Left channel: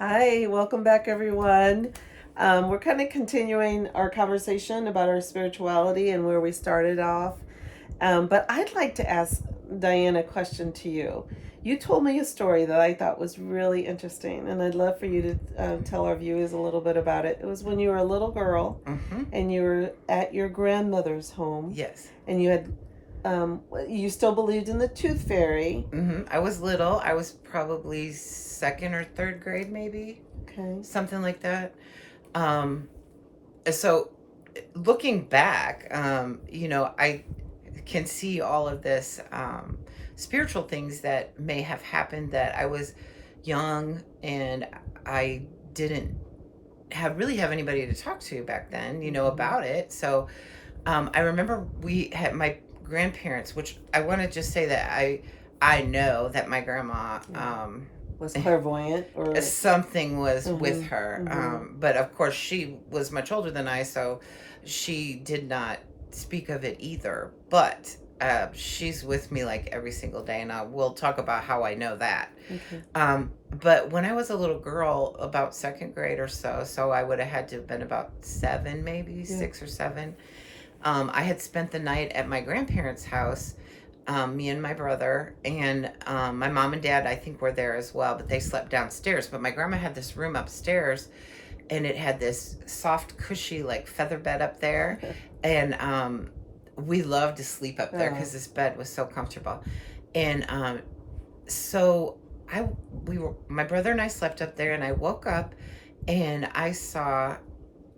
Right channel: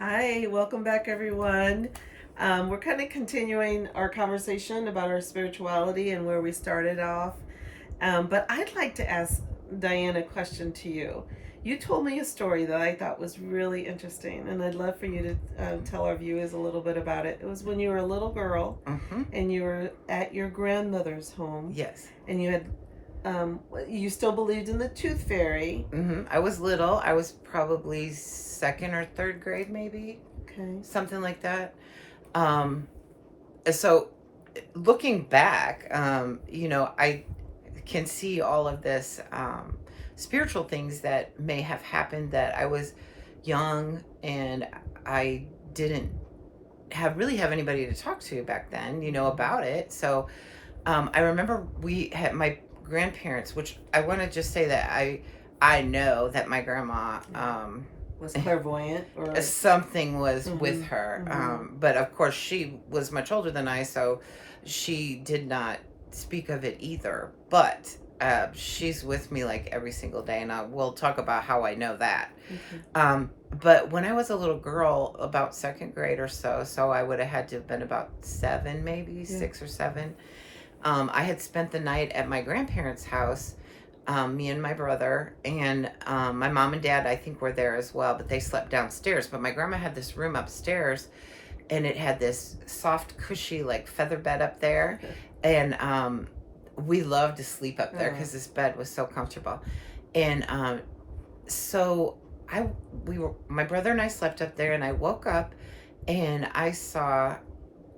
Hi, welcome back, everyone. We're kind of continuing our conversation about our spirituality and where we started off. But I'd like to ask Diane a question to you. You told me a story that I thought was really interesting, and I'd love for you to tell our viewers a little bit about it. It was when you were a little girl Mm-hmm. and you were at your grandmother's home, Yes. and you still believed in the tooth fairy. Mm-hmm. I was little. I was probably second or third grade, maybe Okay. something like that. Um, so looking back, I can see all of this spiritual things that may have happened that I was young and I didn't have anybody to talk to back then, about it. So I remember we had my grandparents, which I want to just say that I know that my grandma Was clairvoyant or something was with mm-hmm, her, mm-hmm. but of course she was much older than I, so she did not speak of it either. But she's with me like every single day, and we'll talk about how I know that. Okay. But when I was a little girl, about second grade or so I would have had to have been about seven, maybe Yeah. 6 or 7. I had spent the night at my grandparents' house, me and my brother, and my mom and dad, I think, were there as well, but they slept downstairs. But my grandma had this room upstairs, and it had this soft, cushy, like feather bed up there. And we loved to sleep up there because this bed was so comfortable. And so my brother and I slept up there, and I woke up and I saw,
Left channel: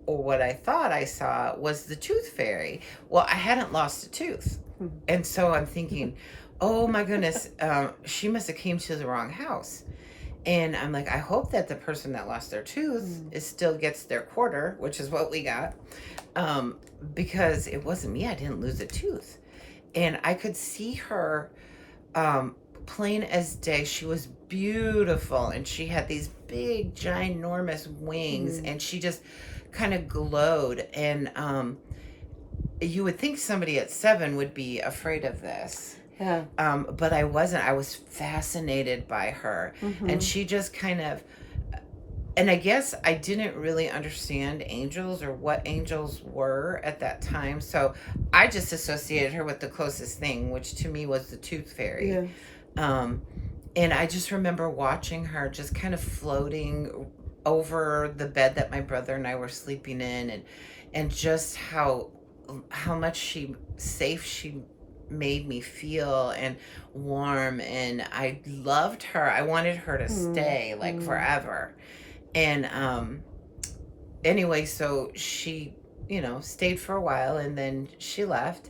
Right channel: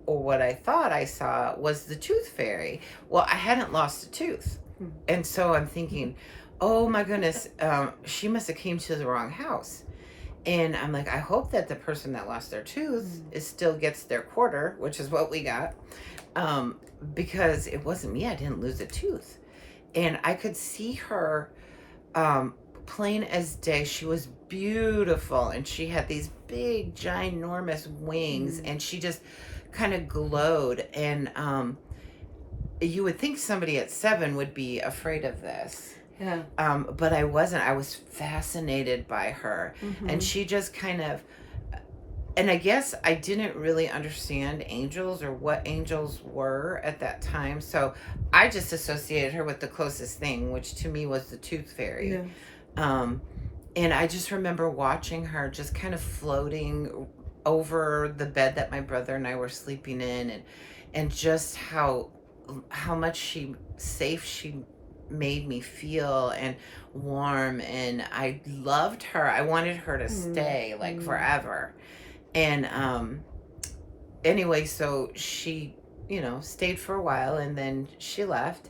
or what I thought I saw was the tooth fairy. Well, I hadn't lost a tooth. And so I'm thinking, oh my goodness, she must have came to the wrong house. And I'm like, I hope that the person that lost their tooth still gets their quarter, which is what we got, because it wasn't me. I didn't lose a tooth. And I could see her plain as day. She was beautiful, and she had these big, ginormous wings, and she just kind of glowed. And you would think somebody at 7 would be afraid of this. Yeah. But I wasn't. I was fascinated by her. And she just kind of, and I guess I didn't really understand angels or what angels were at that time. So I just associated her with the closest thing, which to me was the tooth fairy. Yeah. And I just remember watching her just kind of floating over the bed that my brother and I were sleeping in, and just how much safe she made me feel, and warm, and I loved her. I wanted her to stay like forever. And anyway, so she, stayed for a while, and then she left.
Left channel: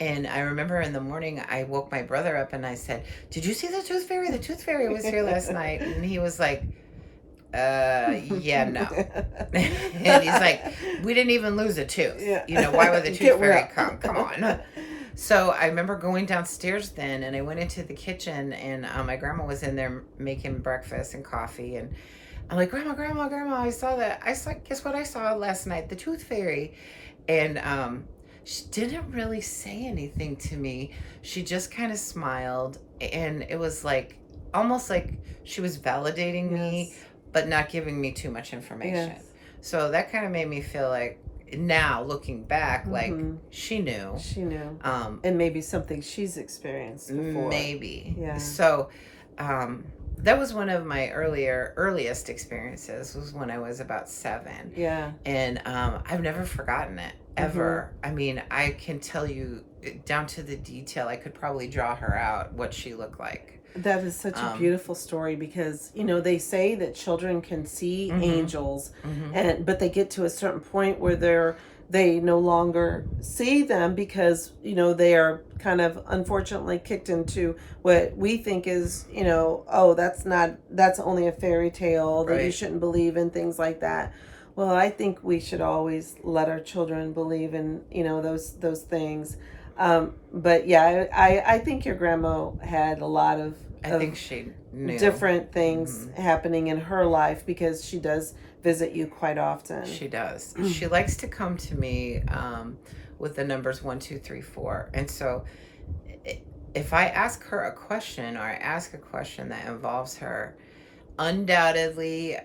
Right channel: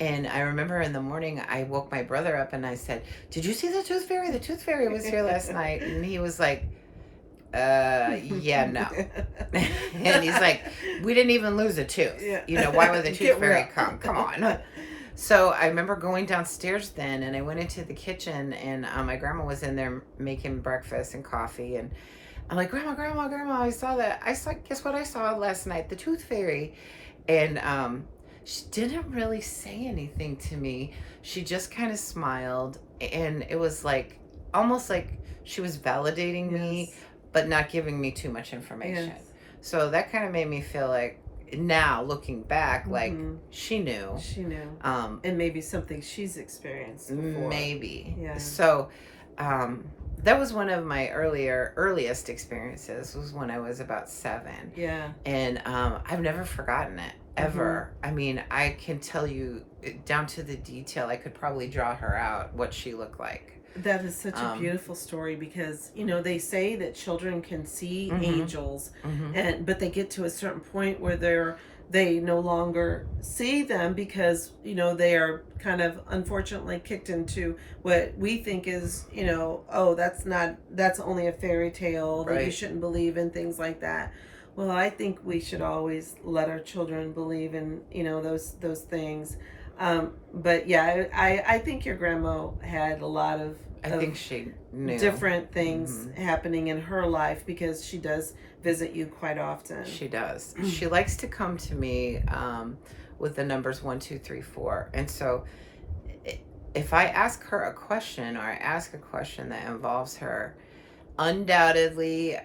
And I remember in the morning, I woke my brother up and I said, "Did you see the tooth fairy? The tooth fairy was here last night." And he was like, yeah, no. And he's like, "We didn't even lose a tooth. Yeah. Why would the tooth Get fairy real. come? Come on." So I remember going downstairs then, and I went into the kitchen, and my grandma was in there making breakfast and coffee. And I'm like, Grandma, I saw that. Guess what I saw last night? The tooth fairy. And she didn't really say anything to me. She just kind of smiled, and it was like almost like she was validating me, but not giving me too much information. Yes. So that kind of made me feel like, now looking back, like she knew. She knew. And maybe something she's experienced before. Maybe. Yeah. So that was one of my earliest experiences, was when I was about 7. Yeah. And I've never forgotten it, ever. I mean, I can tell you down to the detail. I could probably draw her out, what she looked like. That is such a beautiful story, because they say that children can see angels, but they get to a certain point where they no longer see them, because they are kind of unfortunately kicked into what we think is oh, that's only a fairy tale, that you shouldn't believe in, things like that. Well, I think we should always let our children believe in those things. But yeah, I think your grandma had a lot of I think she knew different things happening in her life, because she does visit you quite often. She does. She likes to come to me with the numbers 1, 2, 3, 4. And so if I ask her a question, or I ask a question that involves her, Undoubtedly,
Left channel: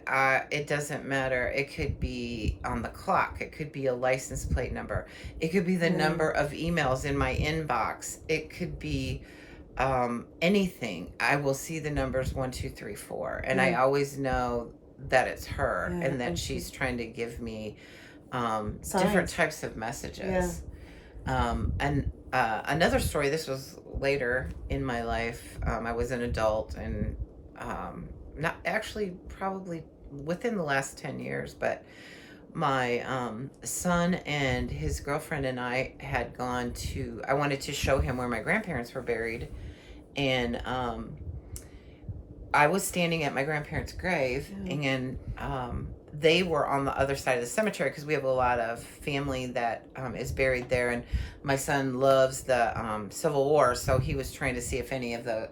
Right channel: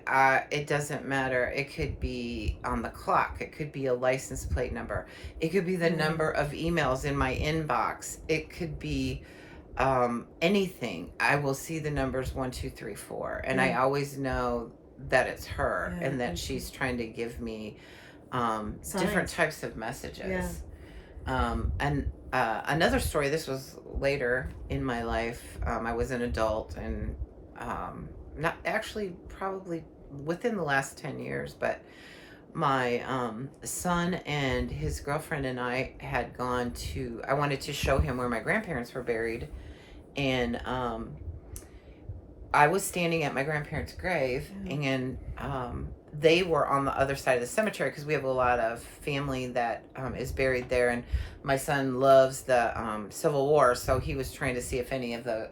it doesn't matter. It could be on the clock. It could be a license plate number. It could be the number of emails in my inbox. It could be anything. I will see the numbers 1, 2, 3, 4, and I always know that it's her and that she's trying to give me different types of messages. And another story. This was later in my life. I was an adult and. Not actually, probably within the last 10 years, but my son and his girlfriend and I had gone to, I wanted to show him where my grandparents were buried. And I was standing at my grandparents' grave, and they were on the other side of the cemetery because we have a lot of family that is buried there. And my son loves the Civil War, so he was trying to see if any of the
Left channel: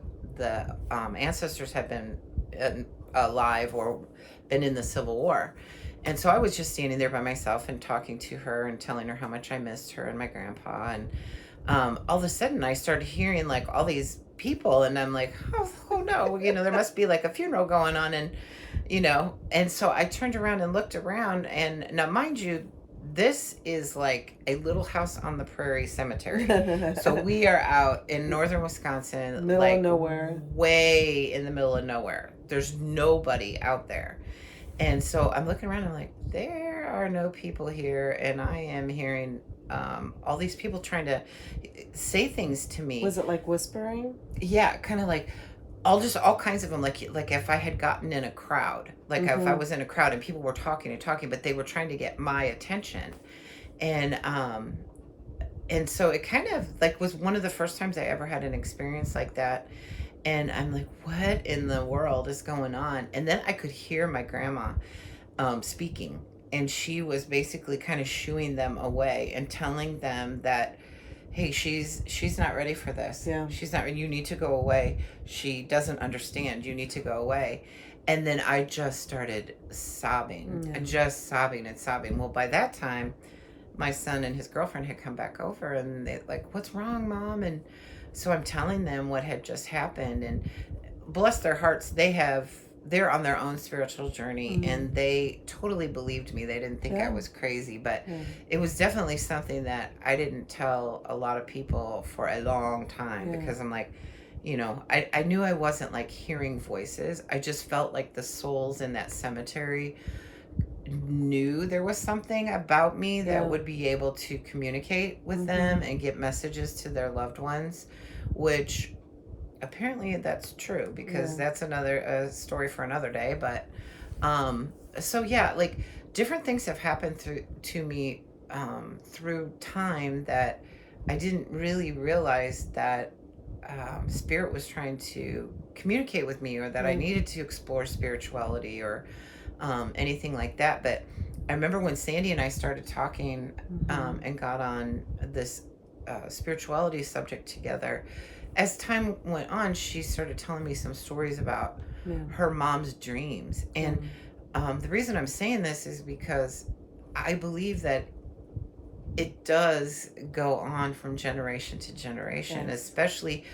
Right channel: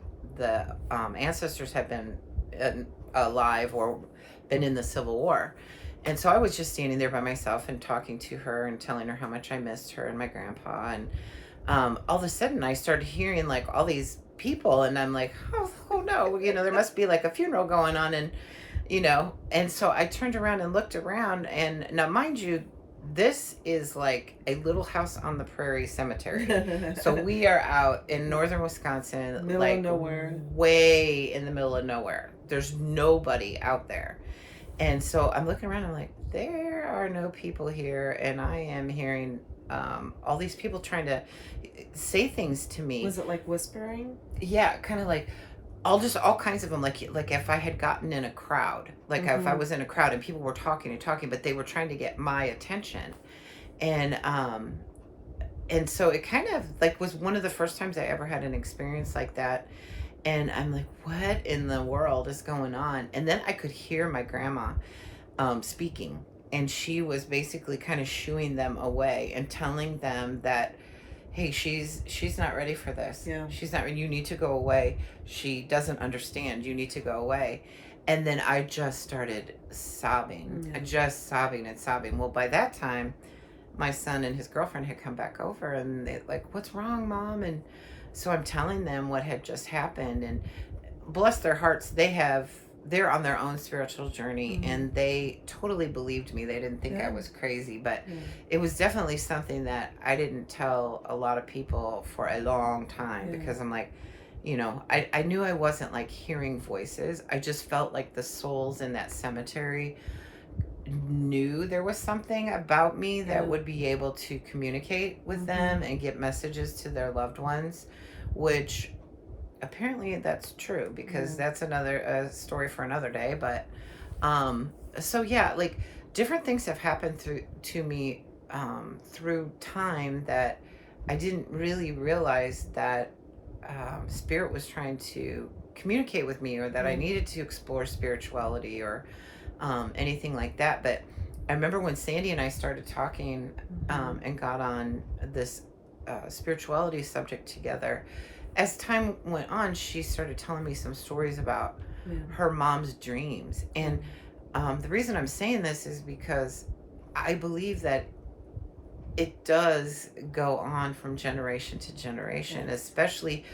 ancestors had been alive or been in the Civil War. And so I was just standing there by myself and talking to her and telling her how much I missed her and my grandpa. And all of a sudden I started hearing like all these people, and I'm like, oh no, there must be like a funeral going on. And and so I turned around and looked around, and now mind you, this is like a little house on the prairie cemetery. So we are out in northern Wisconsin, middle like of nowhere, way in the middle of nowhere. There's nobody out there. And so I'm looking around and I'm like, there are no people here. And I am hearing all these people trying to say things to me. Was it like whispering? Yeah, kind of like all kinds of them. Like if I had gotten in a crowd, like if I was in a crowd and people were talking and talking, but they were trying to get my attention. And so it kind of like was one of the first times I ever had an experience like that. And I'm like, what in the world is going on? And then I could hear my grandma speaking, and she was basically kind of shooing them away and telling them that, hey, she's not ready for this. Yeah. She's not ready. You need to go away. She doesn't understand. You need to go away. And then I just started sobbing, just sobbing and sobbing. Well, by that time, my son and his girlfriend had come back over, and they like, what's wrong, Mom? And so I'm telling them what had just happened, and bless their hearts, they're on their own spiritual journey, and they totally believed me. They didn't think I was crazy, but it was definitely something that I didn't tell a lot of people for a long time, because I'm like, I knew I wasn't like hearing voices. I just felt like the souls in that cemetery knew there was something about me that would be able to communicate with them and get messages to their loved ones, which apparently that's true, because that's another story for another day. But so yeah, like different things have happened to me through time that I didn't really realize that spirit was trying to communicate with me, or that I needed to explore spirituality or anything like that. But I remember when Sandy and I started talking and got on this spirituality subject together, as time went on, she started telling me some stories about her mom's dreams. And the reason I'm saying this is because I believe that it does go on from generation to generation, especially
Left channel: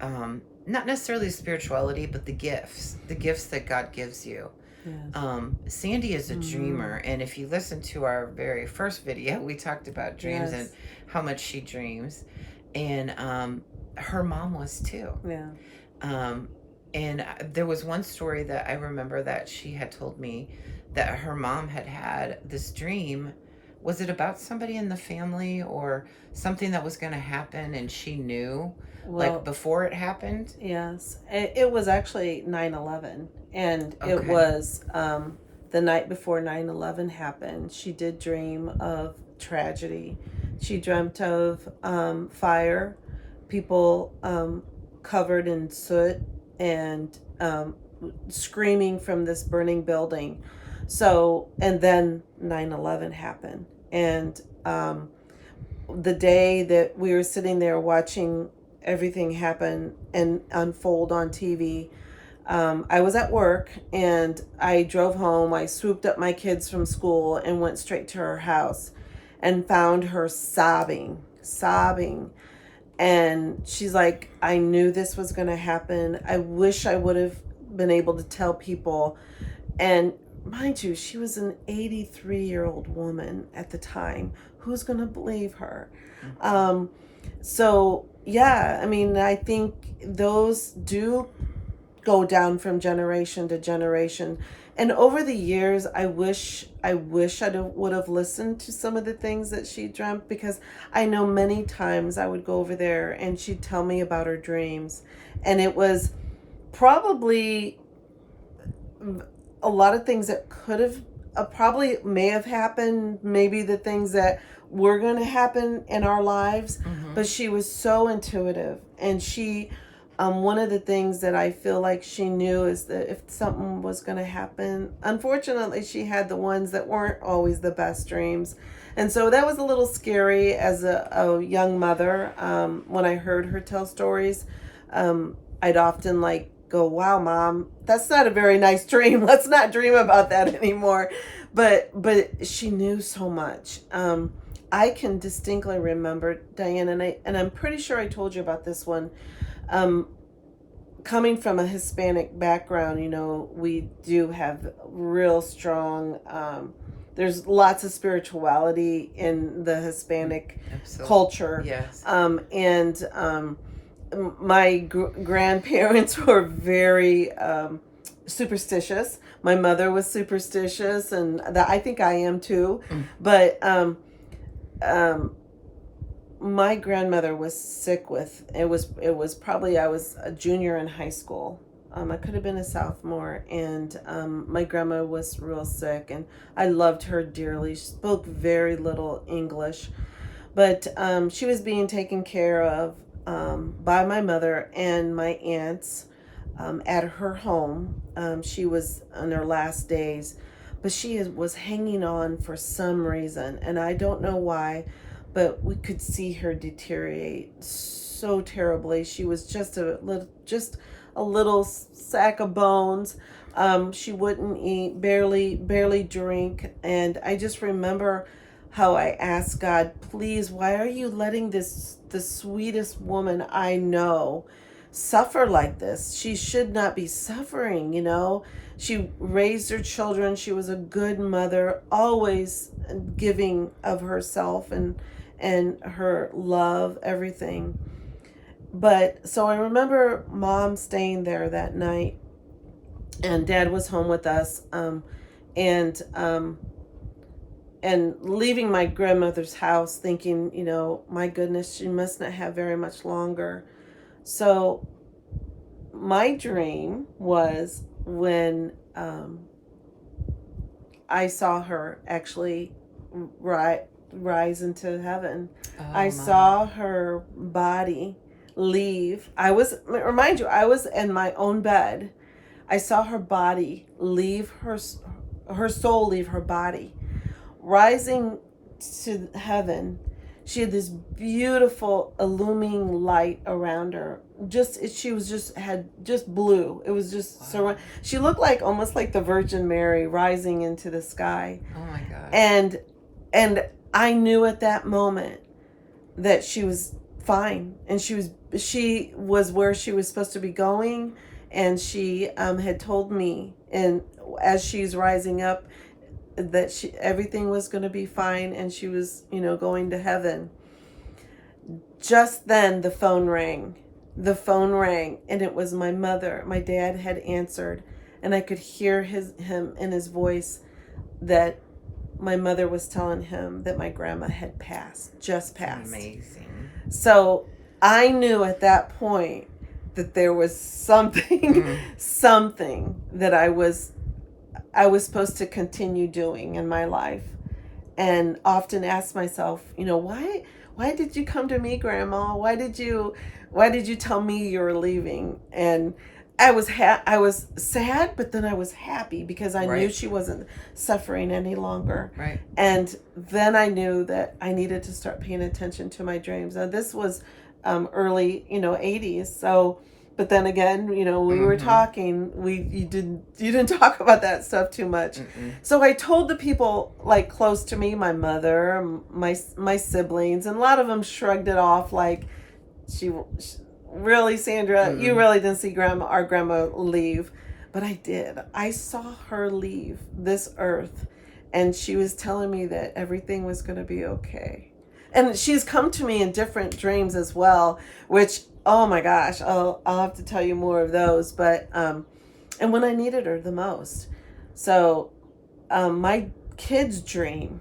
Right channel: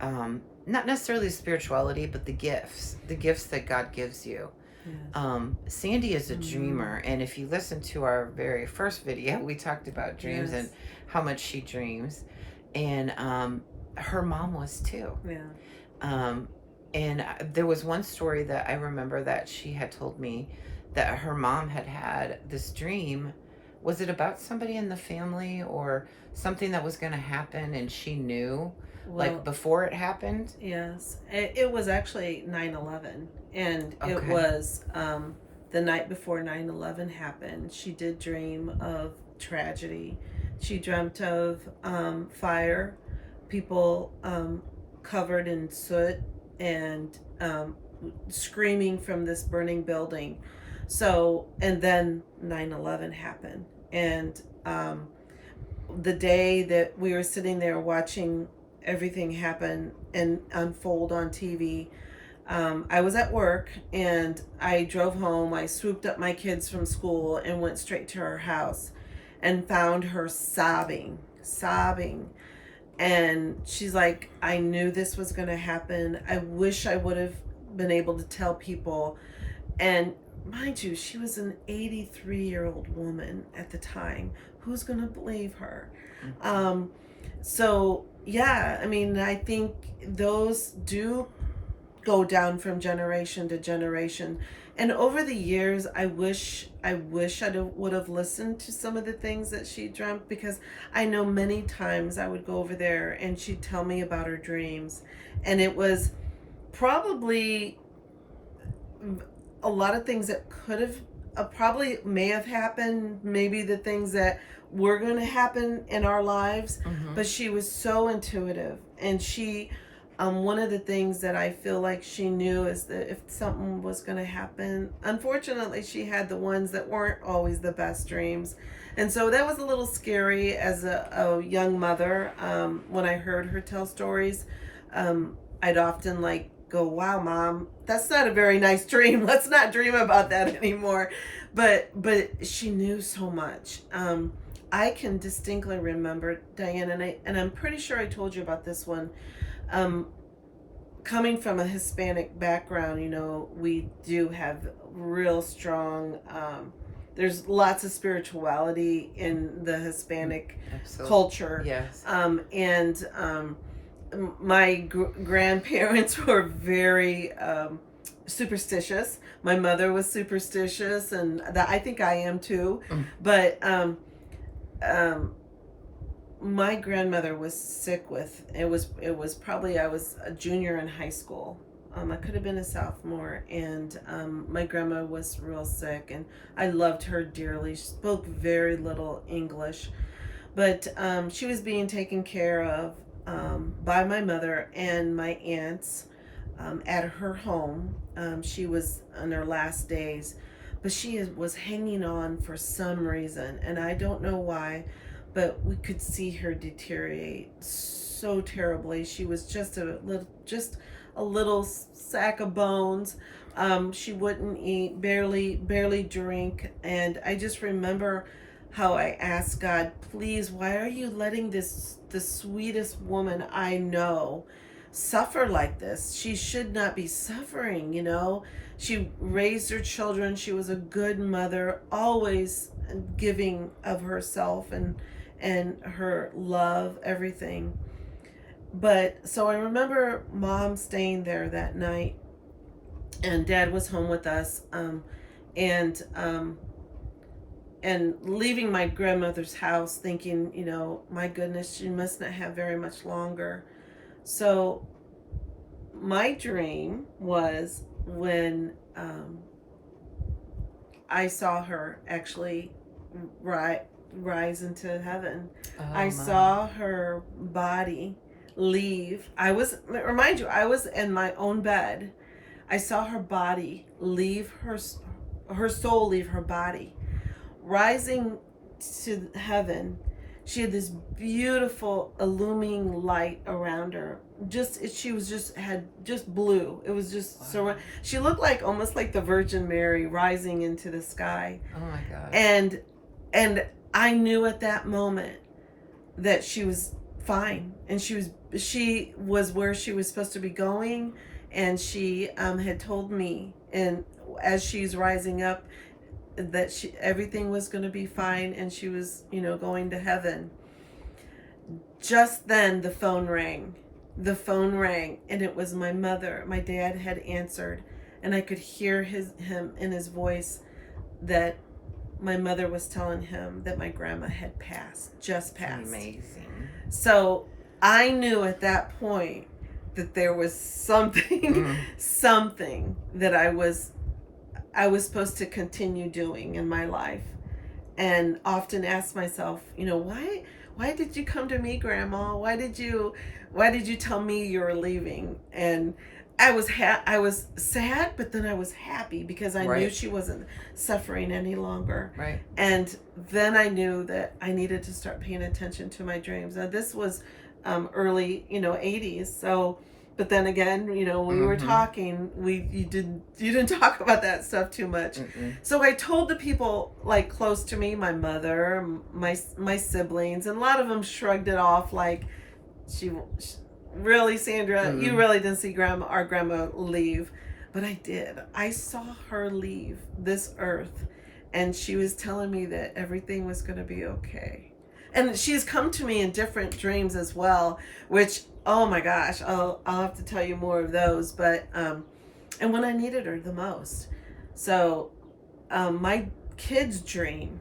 not necessarily spirituality, but the gifts that God gives you. Sandy is a dreamer, and if you listen to our very first video, we talked about dreams and how much she dreams, and her mom was too. And there was one story that I remember that she had told me, that her mom had this dream. Was it about somebody in the family or something that was going to happen, and she knew like before it happened? Yes, it was actually 9/11, and it was the night before 9/11 happened. She did dream of tragedy. She dreamt of fire, people covered in soot, and screaming from this burning building. So, and then 9/11 happened, and the day that we were sitting there watching everything happen and unfold on TV, I was at work, and I drove home. I swooped up my kids from school and went straight to her house and found her sobbing. And she's like, I knew this was going to happen. I wish I would have been able to tell people. And mind you, she was an 83-year-old woman at the time. Who's going to believe her? So, yeah, I mean, I think those do go down from generation to generation. And over the years, I wish I would have listened to some of the things that she dreamt, because I know many times I would go over there and she'd tell me about her dreams. And it was probably a lot of things that could have probably may have happened, maybe the things that were going to happen in our lives. But she was so intuitive, and she one of the things that I feel like she knew is that if something was going to happen, unfortunately she had the ones that weren't always the best dreams. And so that was a little scary as a young mother. When I heard her tell stories, I'd often like go, wow, Mom, that's not a very nice dream. Let's not dream about that anymore. But she knew so much. I can distinctly remember, Diane, and I'm pretty sure I told you about this one. Coming from a Hispanic background, you know, we do have real strong, there's lots of spirituality in the Hispanic culture. Yes. My grandparents were very superstitious. My mother was superstitious, and that I think I am too. But my grandmother was sick with it was probably I was a junior in high school. I could have been a sophomore, and my grandma was real sick, and I loved her dearly. She spoke very little English, but she was being taken care of by my mother and my aunts at her home. She was on her last days, but she was hanging on for some reason, and I don't know why, but we could see her deteriorate so terribly. She was just a little sack of bones. She wouldn't eat, barely drink, and I just remember how I asked God, please, why are you letting the sweetest woman I know suffer like this? She should not be suffering, you know. She raised her children. She was a good mother, always giving of herself and her love, everything. But so I remember Mom staying there that night, and Dad was home with us, and leaving my grandmother's house thinking, you know, my goodness, she must not have very much longer. So my dream was when I saw her actually rise into heaven. I saw her body leave. Remind you, I was in my own bed. I saw her body leave her soul leave her body, rising to heaven. She had this beautiful illuminating light around her. Had blue. It was just so. She looked like almost like the Virgin Mary rising into the sky. Oh my God. And I knew at that moment that she was fine, and she was where she was supposed to be going, and she had told me, and as she's rising up, that everything was going to be fine, and she was, you know, going to heaven. Just then the phone rang, and it was my mother. My dad had answered, and I could hear him in his voice that my mother was telling him that my grandma had just passed. Amazing. So I knew at that point that there was something that I was supposed to continue doing in my life, and often ask myself, you know, why did you come to me, Grandma? Why did you tell me you were leaving? And I was sad, but then I was happy because I knew she wasn't suffering any longer. Right. And then I knew that I needed to start paying attention to my dreams. Now this was early, 80s. So, but then again, we were talking, you didn't talk about that stuff too much. So I told the people like close to me, my mother, my siblings, and a lot of them shrugged it off like, really, Sandra, you really didn't see our grandma leave. but I did. I saw her leave this earth, and she was telling me that everything was going to be okay. And she's come to me in different dreams as well, which, oh my gosh, I'll have to tell you more of those. But and when I needed her the most. So my kids dream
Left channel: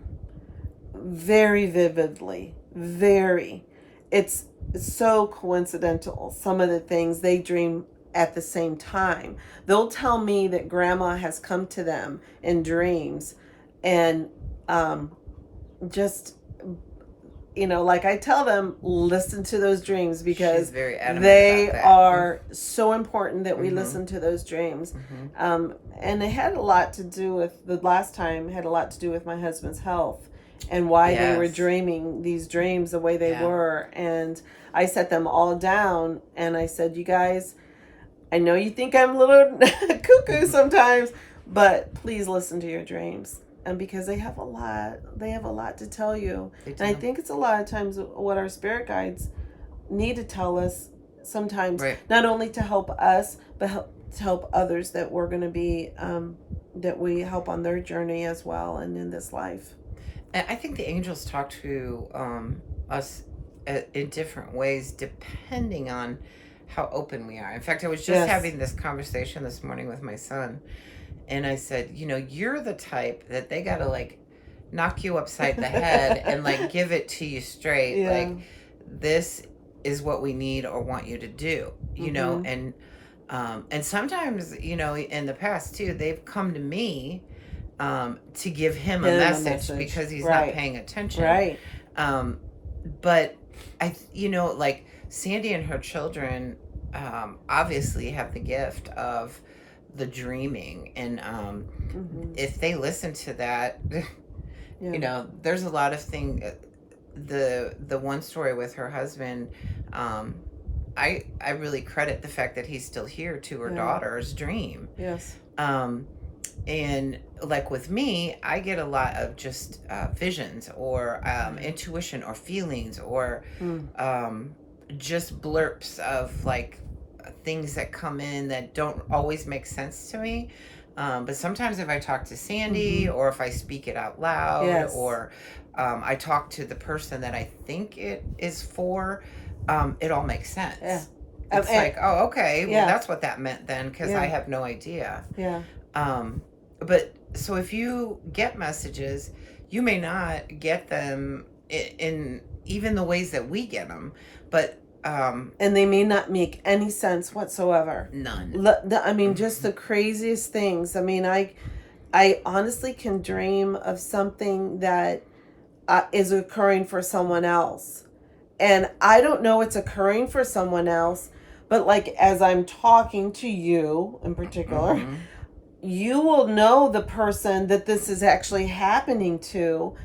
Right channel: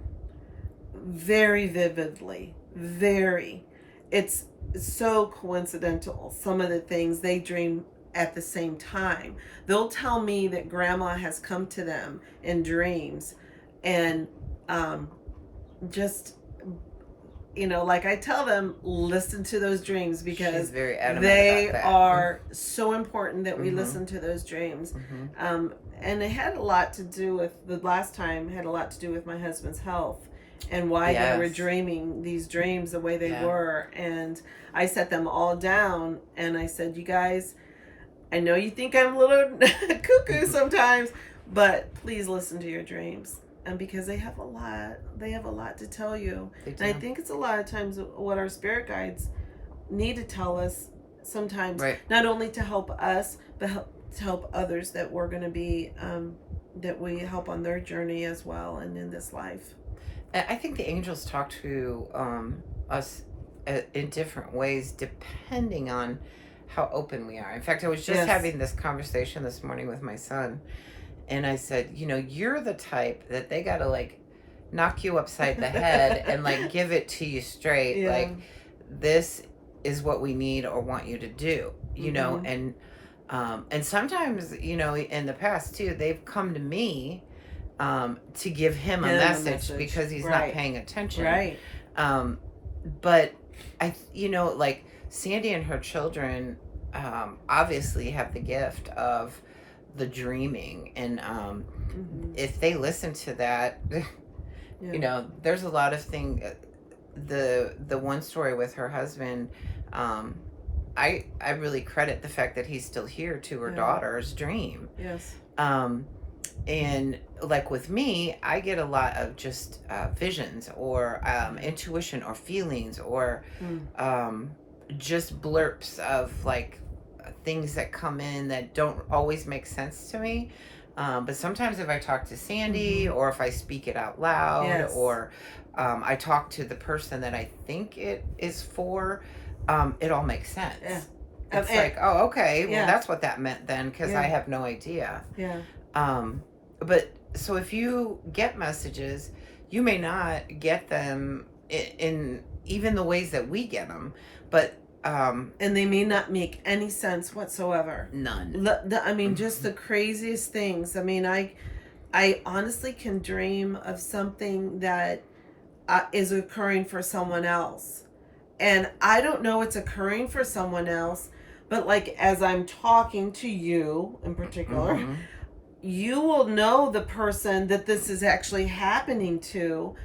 very vividly, very. It's so coincidental. Some of the things they dream at the same time. They'll tell me that grandma has come to them in dreams, and just, like I tell them, listen to those dreams because she's very adamant they about that. are so important that we Mhm. listen to those dreams. Mhm. And it had a lot to do with the last time had a lot to do with my husband's health and why they were Yes. dreaming these dreams the way they Yeah. were. And I set them all down and I said, you guys, I know you think I'm a little cuckoo sometimes, but please listen to your dreams. And because they have a lot to tell you. They do. And I think it's a lot of times what our spirit guides need to tell us sometimes, Right. not only to help us, but to help others that we're going to be, that we help on their journey as well and in this life. And I think the angels talk to us in different ways depending on how open we are. In fact, I was just having this conversation this morning with my son, and I said, you're the type that they got to like knock you upside the head and like give it to you straight. Yeah. Like, this is what we need or want you to do, and sometimes, in the past too, they've come to me to give him a message because he's not paying attention. Right. But like Sandy and her children obviously have the gift of the dreaming, and if they listen to that, there's a lot of things. The one story with her husband, I really credit the fact that he's still here to her daughter's dream. Yes. And like with me, I get a lot of just visions or intuition or feelings or just blurps of like things that come in that don't always make sense to me. But sometimes if I talk to Sandy or if I speak it out loud or I talk to the person that I think it is for, it all makes sense. Yeah. It's like, oh, okay, well, that's what that meant then, because I have no idea. Yeah. But so if you get messages, you may not get them in even the ways that we get them, but and they may not make any sense whatsoever. None. I mean, just the craziest things. I mean, I honestly can dream of something that is occurring for someone else, and I don't know it's occurring for someone else, but like as I'm talking to you in particular, you will know the person that this is actually happening to,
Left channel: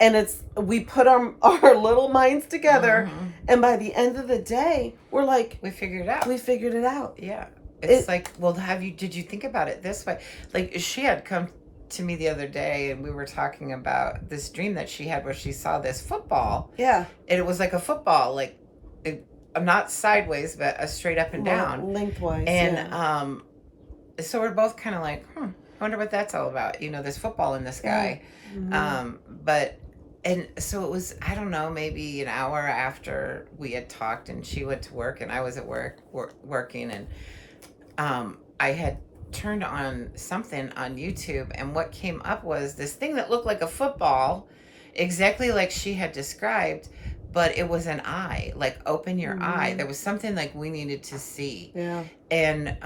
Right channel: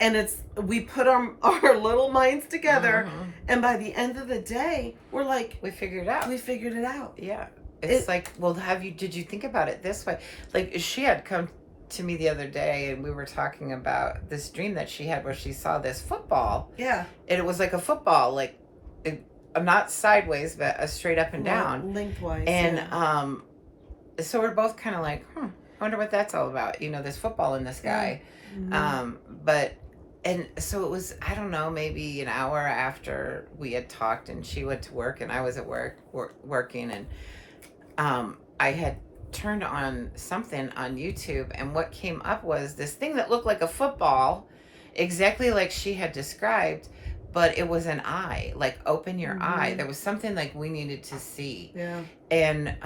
and we put our little minds together, and by the end of the day we're like, we figured it out. Yeah. It's like, well, did you think about it this way? Like, she had come to me the other day and we were talking about this dream that she had where she saw this football. Yeah. And it was like a football, like not sideways, but a straight up and down. Lengthwise. And so we're both kind of like, I wonder what that's all about. This football in the sky. And so it was, I don't know, maybe an hour after we had talked and she went to work and I was at work working, and I had turned on something on YouTube, and what came up was this thing that looked like a football, exactly like she had described, but it was an eye, like open your eye. There was something like we needed to see. Yeah. And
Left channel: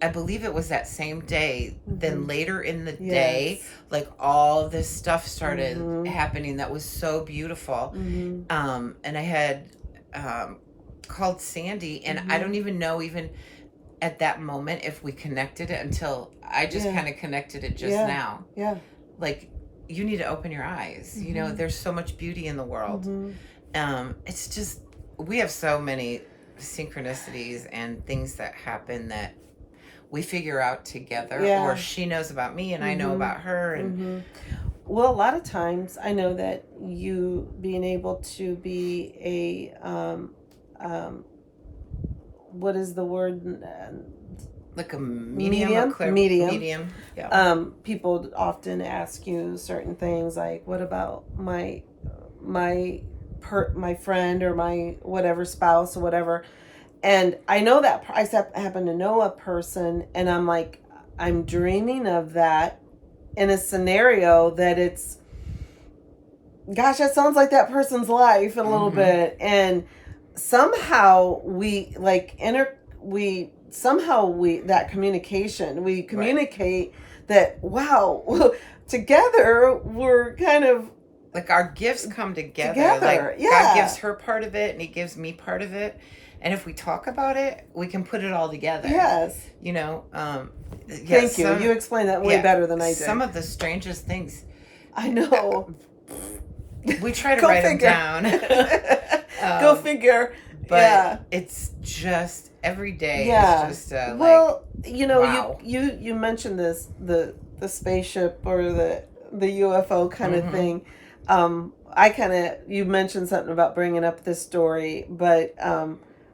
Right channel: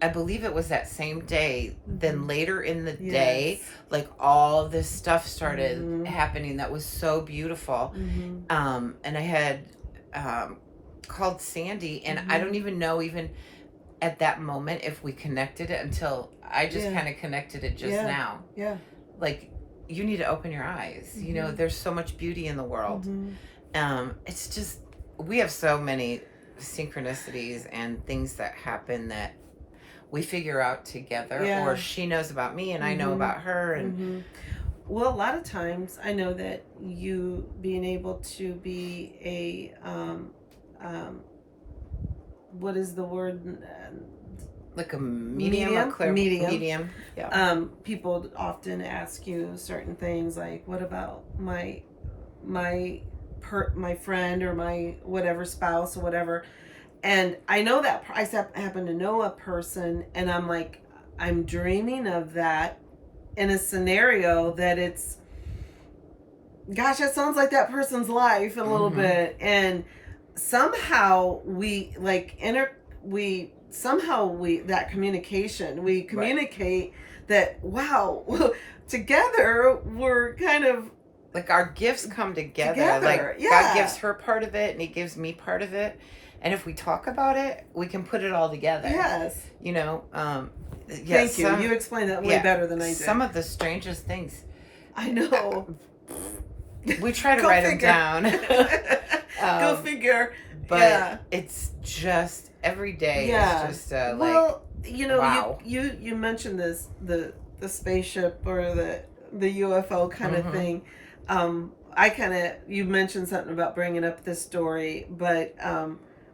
I believe it was that same day. Then later in the day, like all this stuff started happening that was so beautiful. And I had called Sandy, and I don't even know even at that moment if we connected it until I just kind of connected it just now. Yeah. Like, you need to open your eyes. There's so much beauty in the world. It's just, we have so many synchronicities and things that happen that we figure out together, or she knows about me and I know about her. And well, a lot of times I know that you being able to be a what is the word, Like a medium, medium. Yeah. People often ask you certain things like, "What about my friend or my whatever spouse or whatever?" And I know that I happen to know a person, and I'm like, I'm dreaming of that in a scenario that it's, gosh, that sounds like that person's life a little bit, and somehow we that communication, we communicate that, wow, together we're kind of like our gifts come together. Like God gives her part of it and he gives me part of it, and if we talk about it, we can put it all together. Yes. You know, thank you. You explained that way better than I did. Some of the strangest things. I know. We try to write them down. Go figure. But it's just every day. Yeah. It's just well, you know, wow. you mentioned this the spaceship or the UFO kind of thing. You mentioned something about bringing up this story, but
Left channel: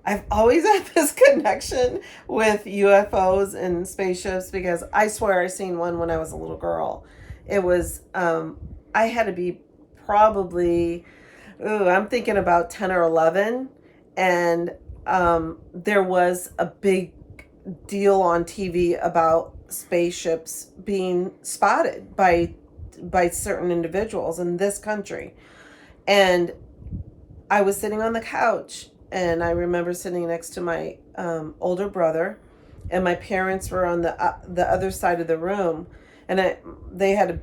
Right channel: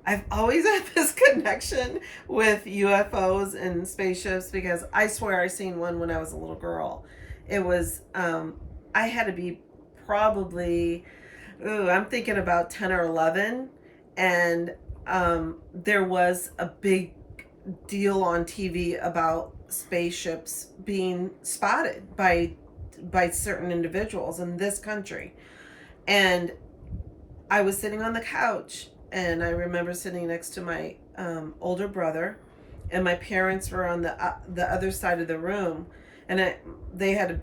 I've always had this connection with UFOs and spaceships because I swear I seen one when I was a little girl. It was I had to be probably I'm thinking about 10 or 11, and there was a big deal on TV about spaceships being spotted by certain individuals in this country. And I was sitting on the couch, and I remember sitting next to my older brother, and my parents were on the other side of the room, and they had a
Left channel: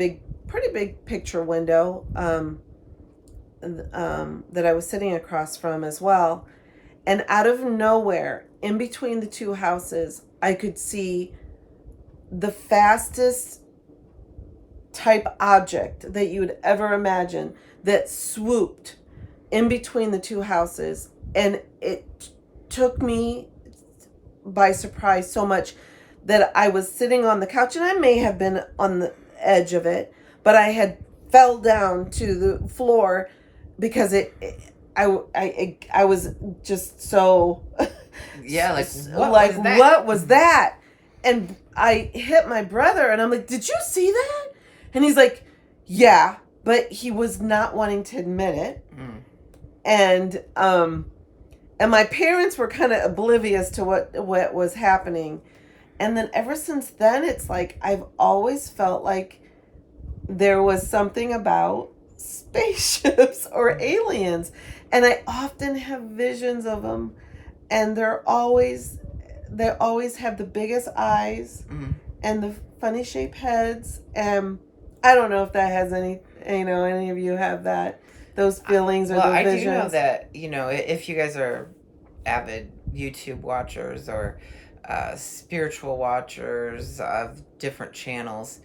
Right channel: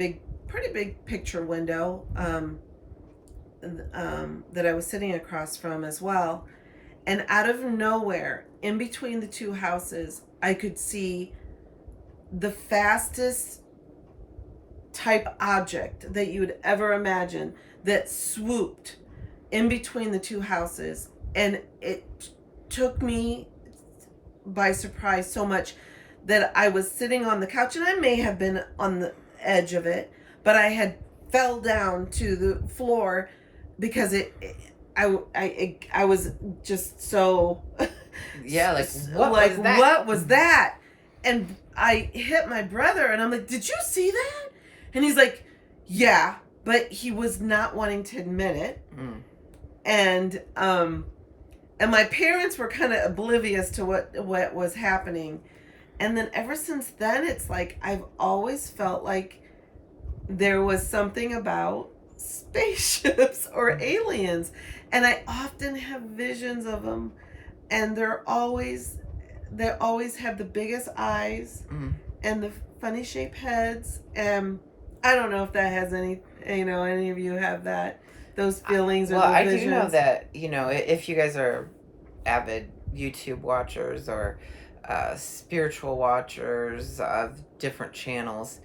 pretty big picture window that I was sitting across from as well. And out of nowhere, in between the two houses, I could see the fastest type object that you would ever imagine that swooped in between the two houses. And it took me by surprise so much that I was sitting on the couch, and I may have been on the edge of it, but I had fell down to the floor because I was just so what was that? And I hit my brother, and I'm like, did you see that? And he's like, yeah, but he was not wanting to admit it. And my parents were kind of oblivious to what was happening. And then ever since then, it's like I've always felt like there was something about spaceships or aliens, and I often have visions of them, and they always have the biggest eyes and the funny shaped heads. And I don't know if that has any of you have those feelings or those visions. I do know that, if you guys are avid YouTube watchers or spiritual watchers of different channels,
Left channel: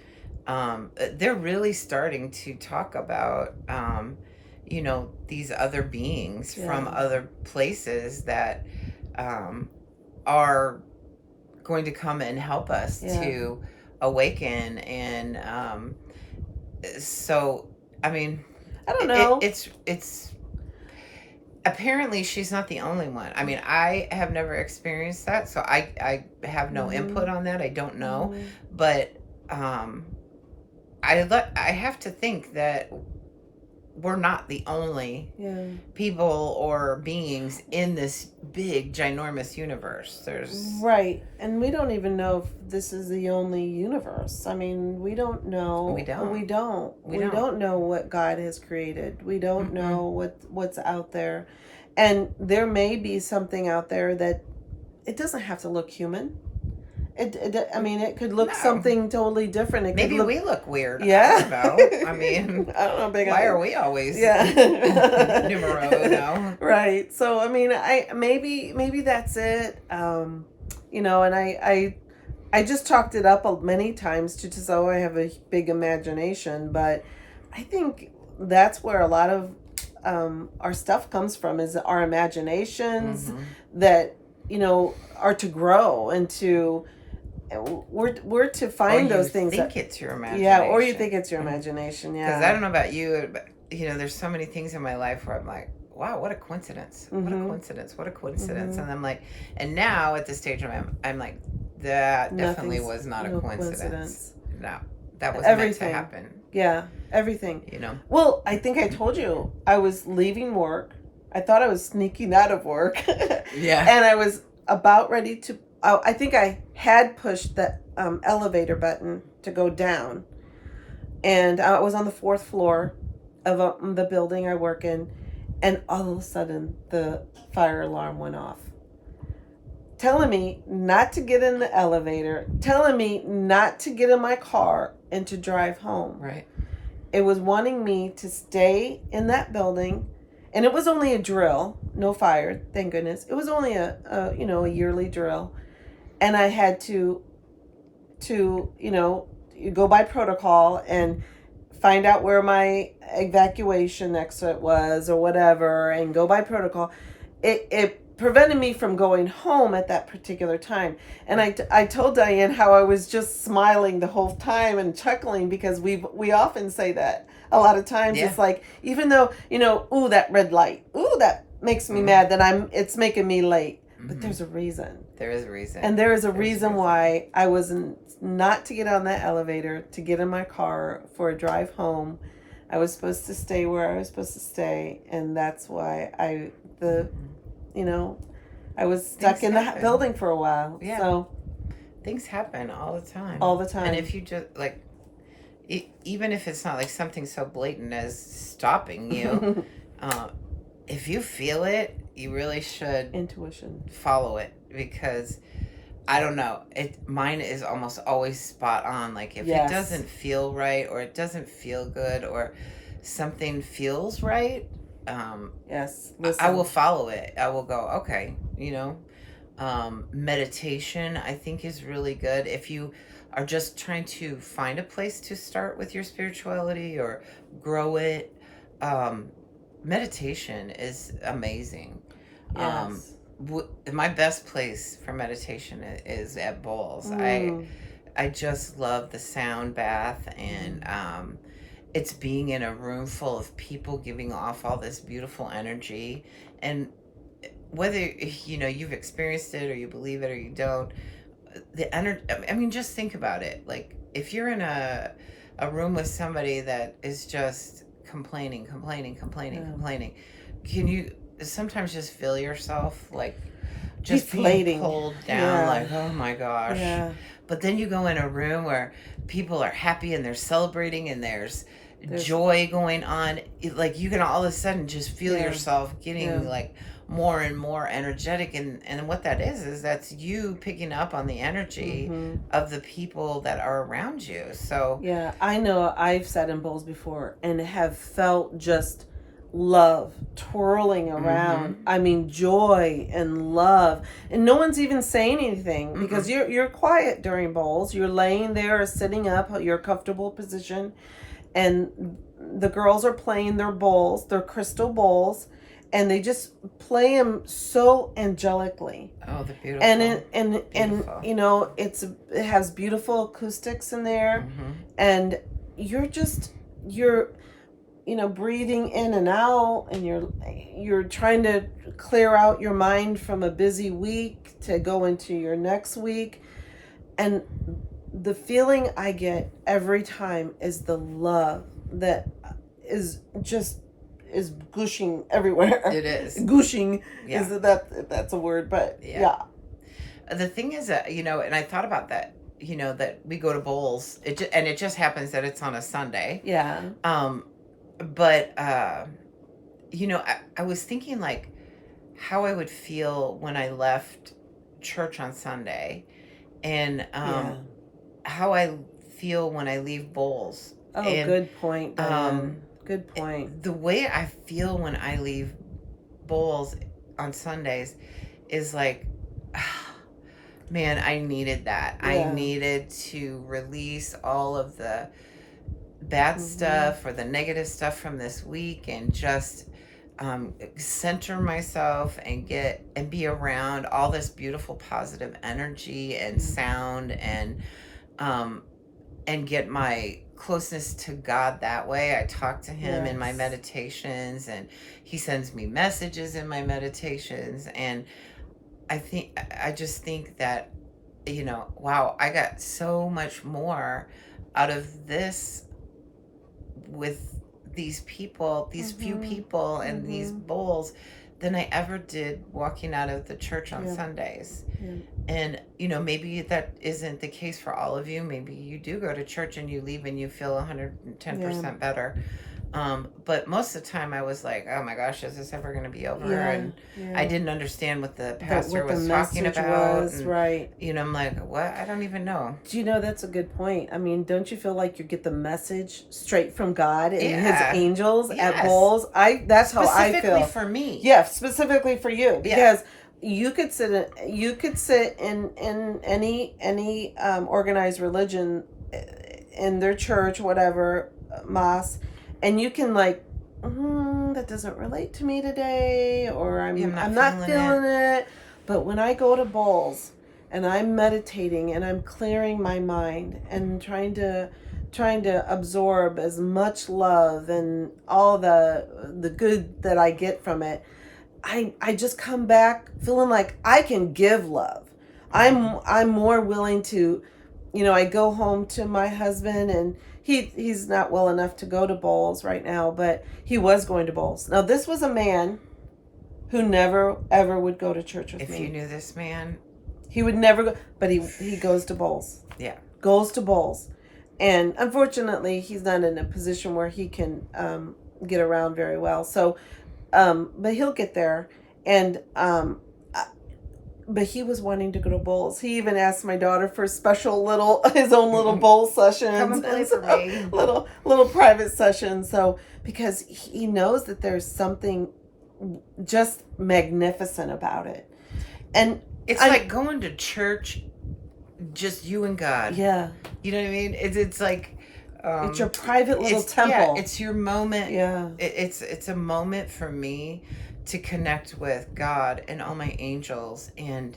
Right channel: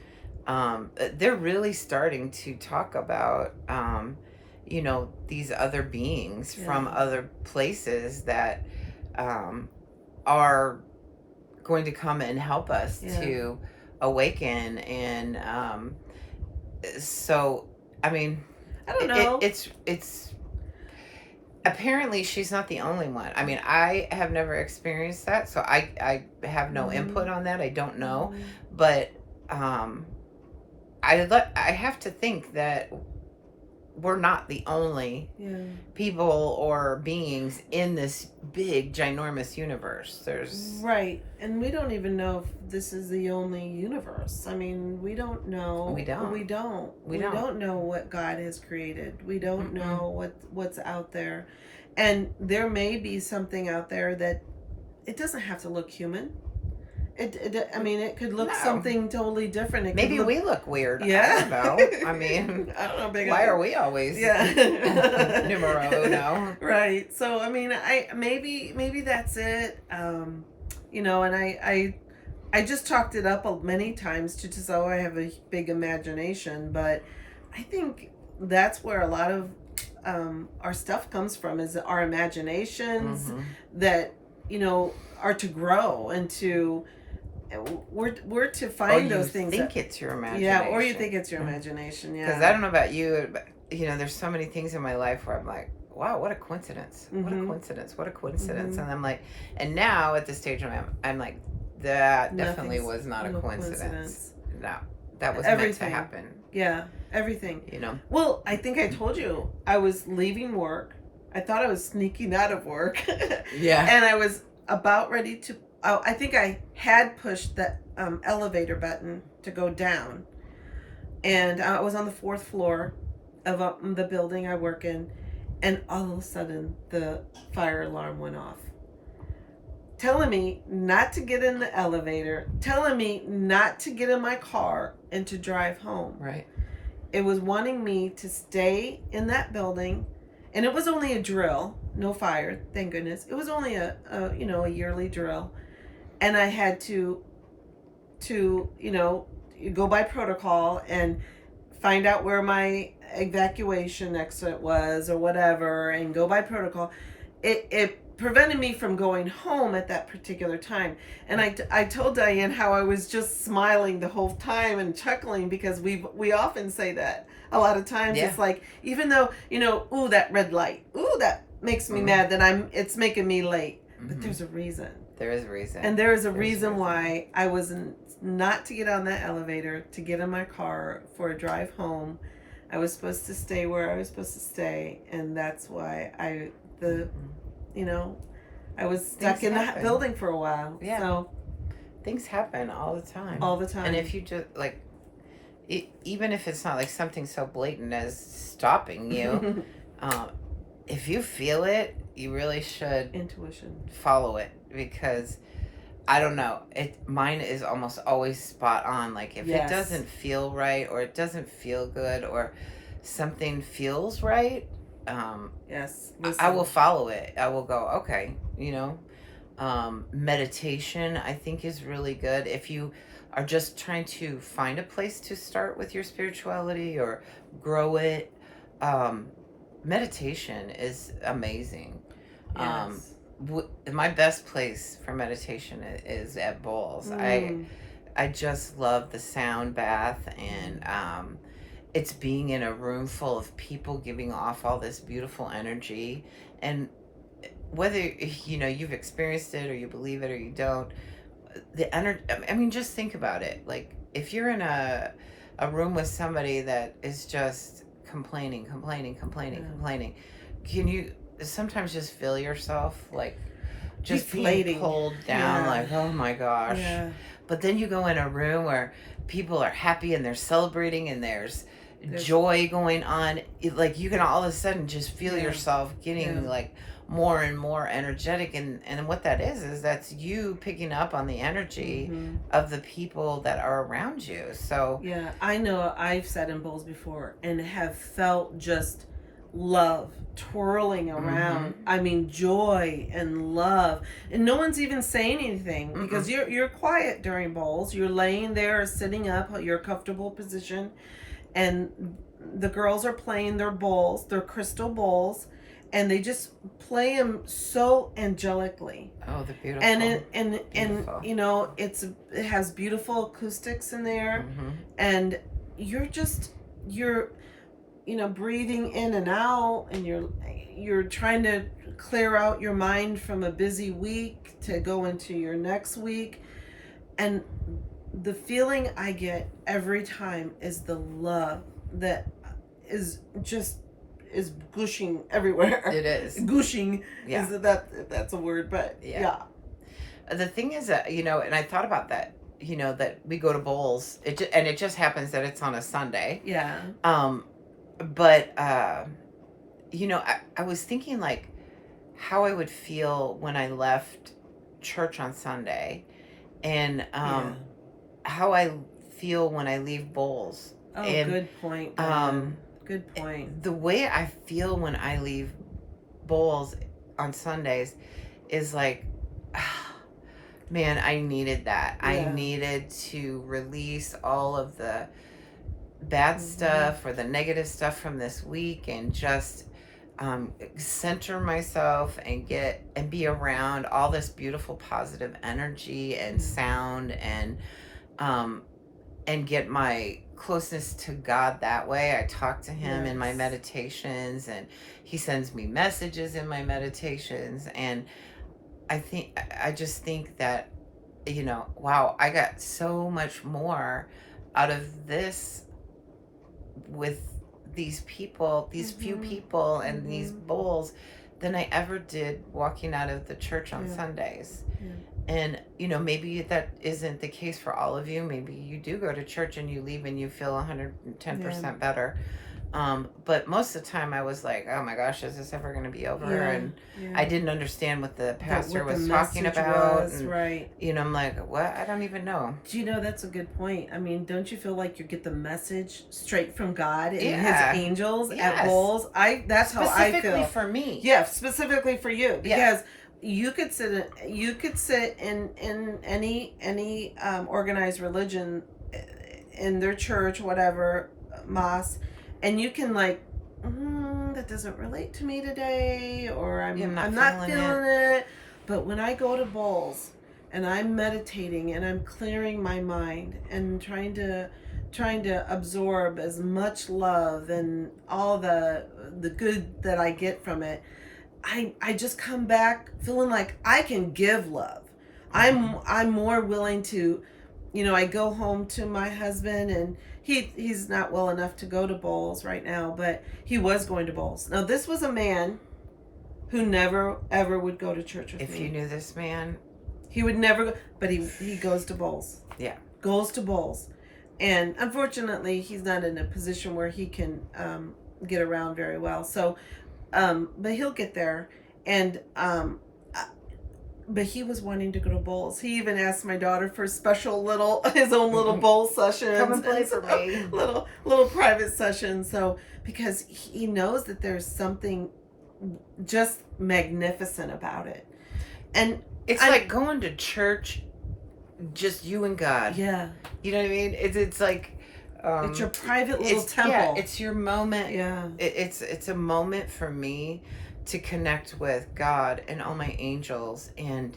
they're really starting to talk about these other beings from other places that are going to come and help us to awaken. And so I mean, I don't know, it's apparently she's not the only one. I mean, I have never experienced that, so I have no input on that. I don't know. But I have to think that we're not the only people or beings in this big, ginormous universe. There's right, and we don't even know if this is the only universe. I mean, we don't know. We don't know what God has created. We don't know what's out there, and there may be something out there that it doesn't have to look human. It could look something totally different. Maybe we look weird. Yeah. I don't know. I mean, I don't know. Why are we always numero uno? Right. So, I mean, maybe that's it. And I just chalked it up many times to just, I have a big imagination. But I think that's where a lot of our stuff comes from, is our imaginations that, are to grow and to... We're to find those things. You think it's your imagination. Yeah, or you think it's your imagination, yeah. Because I don't know about you, but, there's so many things in my life where I'm like, wow, what a coincidence. What a coincidence. What a coincidence. And I'm like, and now at this stage I'm like, That definitely Nothing's was not a no coincidence. No, that was meant to Everything. happen. Yeah, everything. You know. Well, I think I told you I was leaving work. I thought I was sneaking out of work. Yeah. And I was about ready to. I think I had pushed the elevator button to go down, and I was on the 4th floor of the building I work in, and all of a sudden the fire alarm went off, telling me not to get in the elevator, telling me not to get in my car and to drive home. Right. It was wanting me to stay in that building, and it was only a drill, no fire, thank goodness. It was only a yearly drill, and I had to go by protocol and find out where my evacuation exit was or whatever, and go by protocol. It prevented me from going home at that particular time. And I told Diane how I was just smiling the whole time and chuckling, because we often say that a lot of times. Yeah. It's like, even though, ooh, that red light, ooh, that makes me mad that it's making me late. But there's a reason. There is a reason. And there is a reason why I was not to get on that elevator, to get in my car for a drive home. I was supposed to stay where I was supposed to stay, and that's why I was stuck in that building for a while. Yeah. So things happen all the time. All the time. And if you just even if it's not like something so blatant as stopping you, if you feel it, you really should intuition follow it, because I don't know, mine is almost always spot on. Like if it doesn't feel right, or it doesn't feel good, or something feels right, yes, I will follow it. I will go, okay, meditation I think is really good if you are just trying to find a place to start with your spirituality or grow it. Meditation is amazing. Yes. My best place for meditation is at bowls. I just love the sound bath, and it's being in a room full of people giving off all this beautiful energy. And whether you've experienced it or you believe it or you don't, the energy, I mean, just think about it. Like if you're in a room with somebody that is just complaining, can you sometimes just feel yourself like just being pulled down, like, oh my gosh. Yeah. But then you go in a room where people are happy and they're celebrating and there's joy going on. Like you can all of a sudden just feel yourself getting like more and more energetic, and what that is that's you picking up on the energy of the people that are around you. So yeah, I know I've sat in bowls before and have felt just love twirling around. I mean, joy and love, and no one's even saying anything, because you're quiet during bowls. You're laying there or sitting up, your comfortable position, and the girls are playing their bowls, their crystal bowls, and they just play them so angelically. Oh, they're beautiful. And it has beautiful acoustics in there, and you're breathing in and out, and you're trying to clear out your mind from a busy week to go into your next week. And the feeling I get every time is the love that is gushing everywhere. It is. Gushing. Yeah. That's a word, but yeah. The thing is that, and I thought about that, that we go to bowls, it just happens that it's on a Sunday. Yeah. But, I was thinking like how I would feel when I left church on Sunday, and how I feel when I leave bowls. Oh, and, good point. Good point. The way I feel when I leave bowls on Sundays is like, man, I needed that. Yeah. I needed to release all of the bad stuff or the negative stuff from this week, and just center myself and be around all this beautiful positive energy and sound, and get my closeness to God that way. I talk to him in my meditations, and he sends me messages in my meditations, and I just think that wow, I got so much more out of this with these people, these few people, and these bowls than I ever did walking out of the church on Sundays. And, maybe that isn't the case for all of you. Maybe you do go to church and you leave and you feel 110% better. But most of the time I was like, oh my gosh, is this ever going to be over? And I didn't understand what the pastor was talking about. Right. I'm like, what? I don't even know. Do you know, that's a good point. I mean, don't you feel like you get the message straight from God and his angels at bowls? That's how I feel. Specifically for me. Yeah, specifically for you. Because you could sit in any organized religion, in their church, whatever, mosque, and you can like, that doesn't relate to me today, or I'm not feeling it. But when I go to bowls and I'm meditating and I'm clearing my mind and trying to absorb as much love and all the good that I get from it, I just come back feeling like I can give love. I'm more willing to, I go home to my husband, and he's not well enough to go to bowls right now, but he was going to bowls. Now, this was a man who never ever would go to church with me. If you knew this man, he would never go, but he goes to bowls. Yeah. Goes to bowls. And unfortunately, he's not in a position where he can get around very well. So, but he'll get there. And but he was wanting to go to bowls. He even asked my daughter for special his own little bowl sessions. Come and play for me. Little private sessions. So, because he knows that there's something just magnificent about it. And it's like going to church, just you and God. Yeah. You know what I mean? It's like... it's your private little temple. Yeah, it's your moment. Yeah. It's a moment for me to connect with God and all my angels, and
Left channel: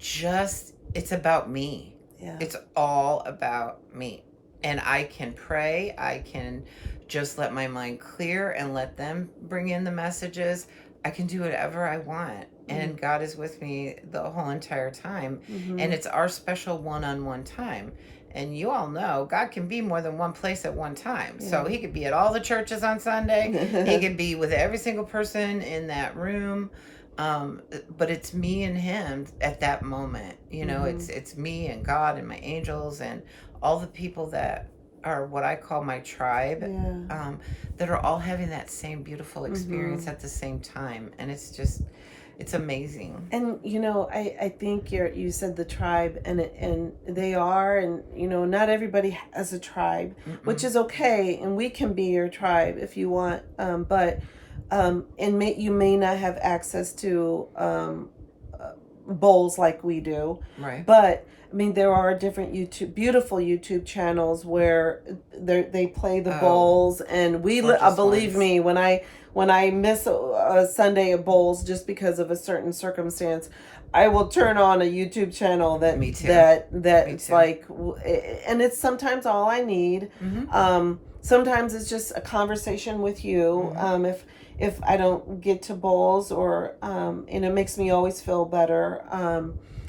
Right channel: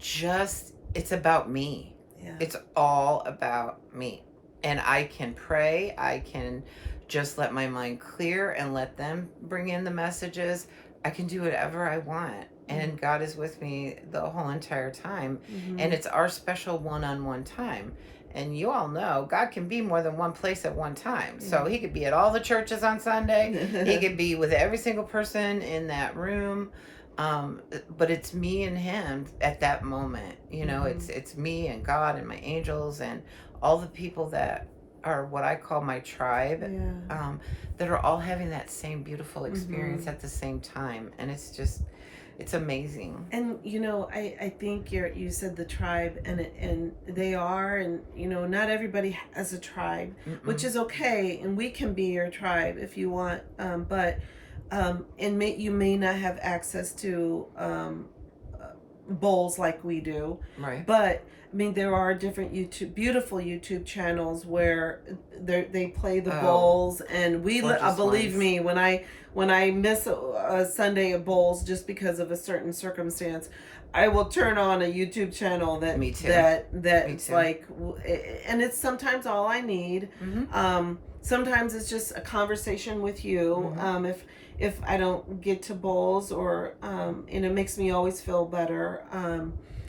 it's about me. Yeah. It's all about me. And I can pray, I can just let my mind clear and let them bring in the messages. I can do whatever I want. And God is with me the whole entire time. And it's our special one-on-one time. And you all know God can be more than one place at one time. So he could be at all the churches on Sunday. He could be with every single person in that room. But it's me and him at that moment. It's me and God and my angels and all the people that are what I call my tribe, that are all having that same beautiful experience at the same time. And it's amazing. And I think you said the tribe, and they are, and not everybody has a tribe, which is okay, and we can be your tribe if you want, but you may not have access to bowls like we do, right? But I mean, there are different beautiful YouTube channels where they play the bowls, and believe me, when I miss a Sunday at bowls just because of a certain circumstance, I will turn on a YouTube channel that Me too. It's like, and it's sometimes all I need. Sometimes it's just a conversation with you. If I don't get to bowls, or and it makes me always feel better.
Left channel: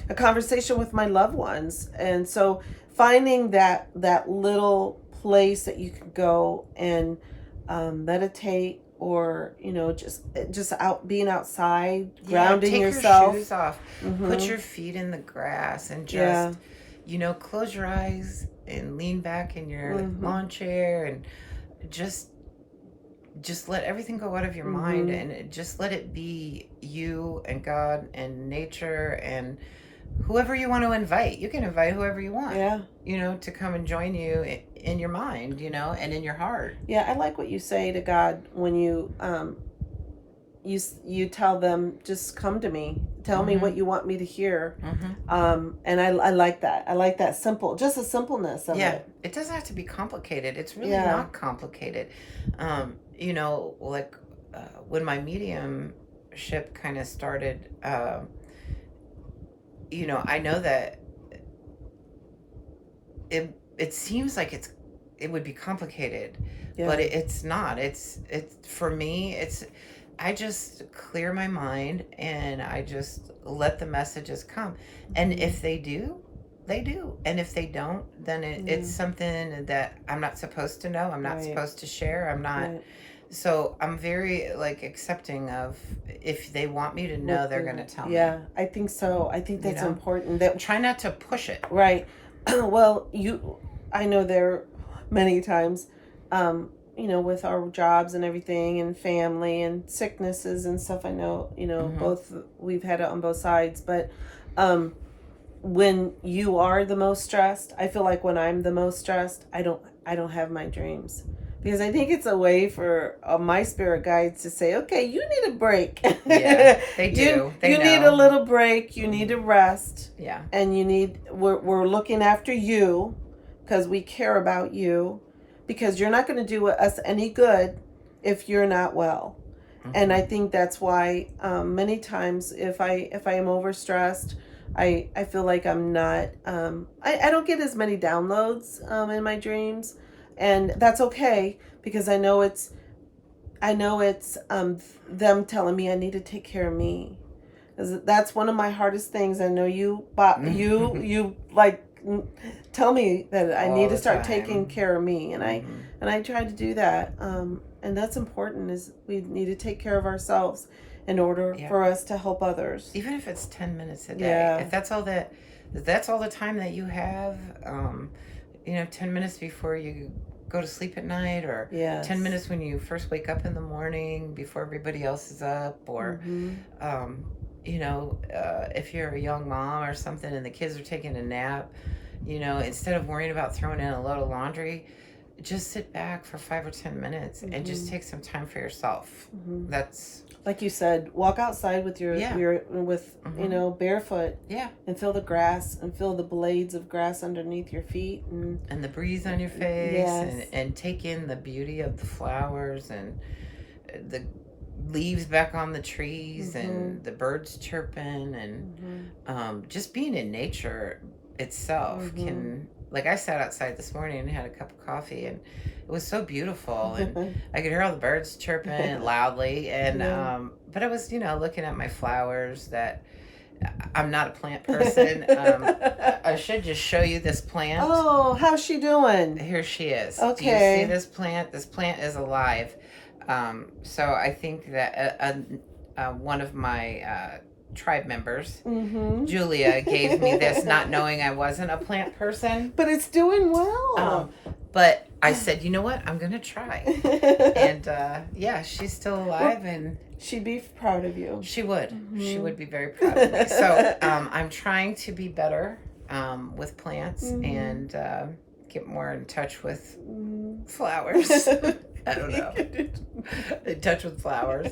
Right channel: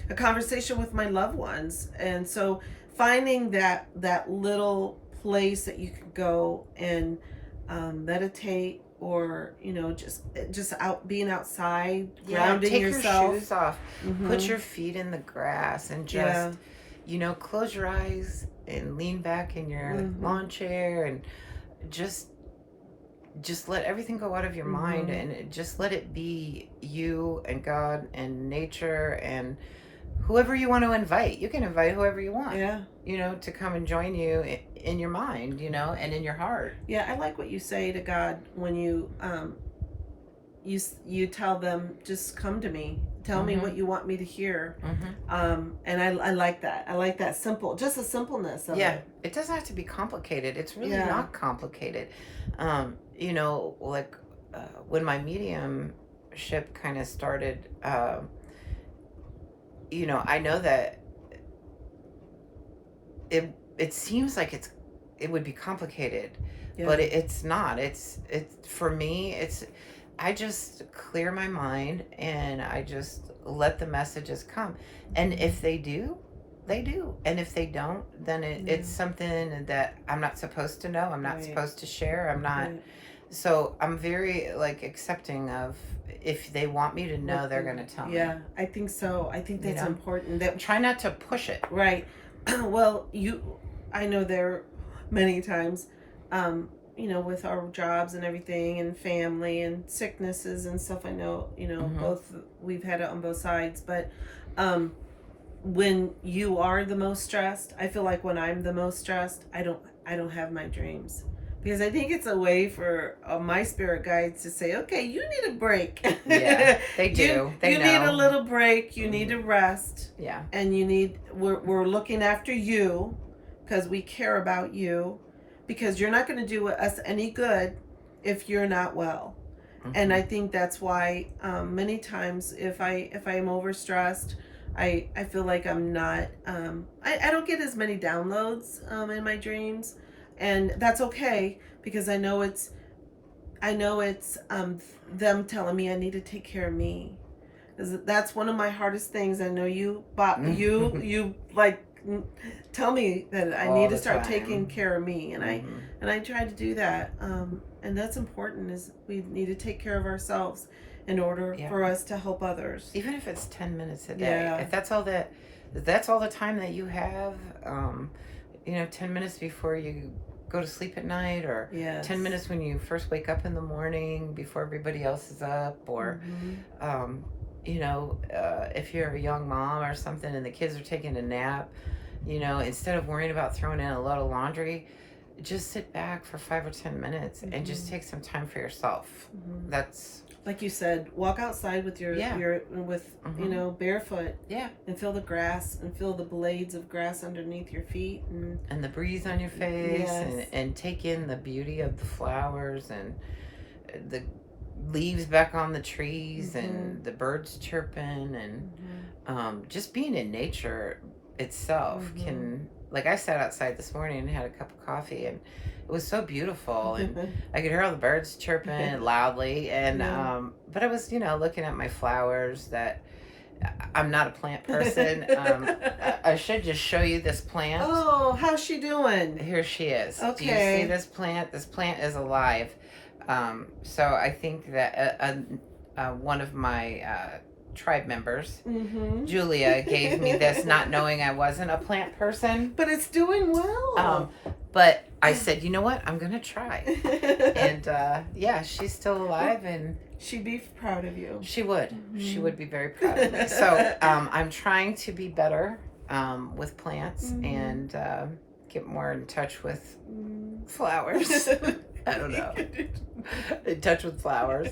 A conversation with my loved ones, and so finding that little place that you can go and meditate, or just being outside, grounding take yourself. Your shoes off, put your feet in the grass, and just close your eyes and lean back in your lawn chair, and just let everything go out of your mind, and just let it be you and God and nature and whoever you want to invite. You can invite whoever you want, to come and join you in your mind, and in your heart. Yeah, I like what you say to God when you tell them, just come to me, tell me what you want me to hear. And I like that. I like that just the simpleness of it. It doesn't have to be complicated. It's really not complicated. When my mediumship kind of started, I know that it seems like it would be complicated, but it's not. It's for me. I just clear my mind and I just let the messages come. And if they do, they do. And if they don't, then it's something that I'm not supposed to know. I'm not supposed to share. I'm not. So I'm very like accepting of if they want me to know, they're going to tell me. Yeah, I think so. I think that's important. That try not to push it. Right. Well, I know there many times, with our jobs and everything and family and sicknesses and stuff. I know, both we've had it on both sides, but when you are the most stressed, I feel like when I'm the most stressed, I don't have my dreams. Because I think it's a way for my spirit guides to say, okay, you need a break. Yeah, they do. You need a little break. You need to rest. Yeah. And we're looking after you because we care about you, because you're not going to do us any good if you're not well. And I think that's why many times if I am overstressed, I feel like I'm not, I don't get as many downloads in my dreams. And that's okay, because I know it's them telling me I need to take care of me. That's one of my hardest things. I know you like tell me that I need to start taking care of me, and I try to do that. And that's important. Is we need to take care of ourselves in order for us to help others. Even if it's 10 minutes a day, if that's all the time that you have. 10 minutes before you go to sleep at night, or 10 minutes when you first wake up in the morning before everybody else is up, or if you're a young mom or something and the kids are taking a nap, instead of worrying about throwing in a load of laundry, just sit back for 5 or 10 minutes and just take some time for yourself. That's like you said, walk outside with your barefoot. Yeah. And feel the grass and feel the blades of grass underneath your feet and the breeze on your face, and take in the beauty of the flowers and the leaves back on the trees and the birds chirping, and just being in nature itself can, like I sat outside this morning and had a cup of coffee, and it was so beautiful, and I could hear all the birds chirping loudly, and but I was looking at my flowers. That I'm not a plant person. I should just show you this plant. Oh, how's she doing? Here she is. Okay. Do you see this plant? This plant is alive. So I think that one of my tribe members, Julia, gave me this, not knowing I wasn't a plant person. But it's doing well. But I said, you know what? I'm going to try. And she's still alive, and she'd be proud of you. She would. She would be very proud of me. So I'm trying to be better with plants and get more in touch with flowers. I don't know. In touch with flowers.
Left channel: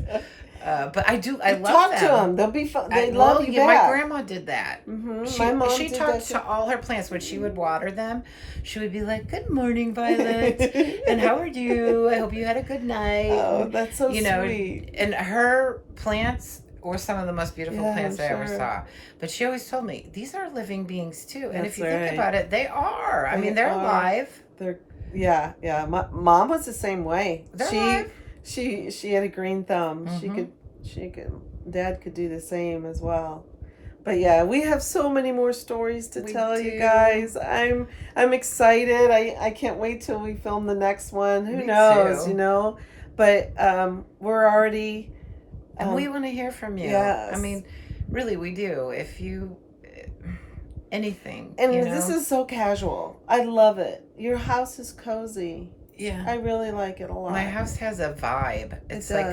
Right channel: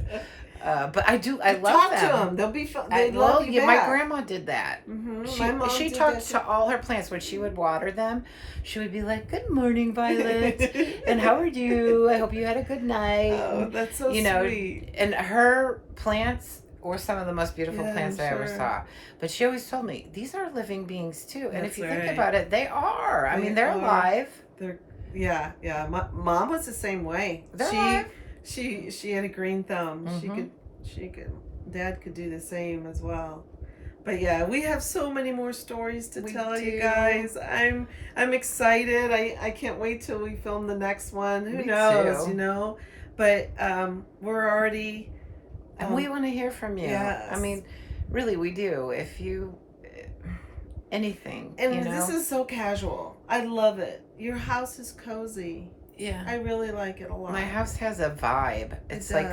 But I love them. Talk to them. They'll be fun. They love you back. My grandma did that. She did talked to all her plants. When she would water them, she would be like, "Good morning, Violet, and how are you? I hope you had a good night." Oh, that's so sweet. And her plants were some of the most beautiful plants I ever saw. But she always told me, these are living beings too. And if you think about it, they are. I mean, they're alive. Yeah. My mom was the same way. They're alive. She had a green thumb. She could. Dad could do the same as well. But yeah, we have so many more stories to tell you guys. I'm excited. I can't wait till we film the next one. Who knows, But we're already. And we want to hear from you. Yes. I mean, really, we do. If you anything, and this is so casual. I love it. Your house is cozy. Yeah, I really like it a lot. My house has a vibe. It's like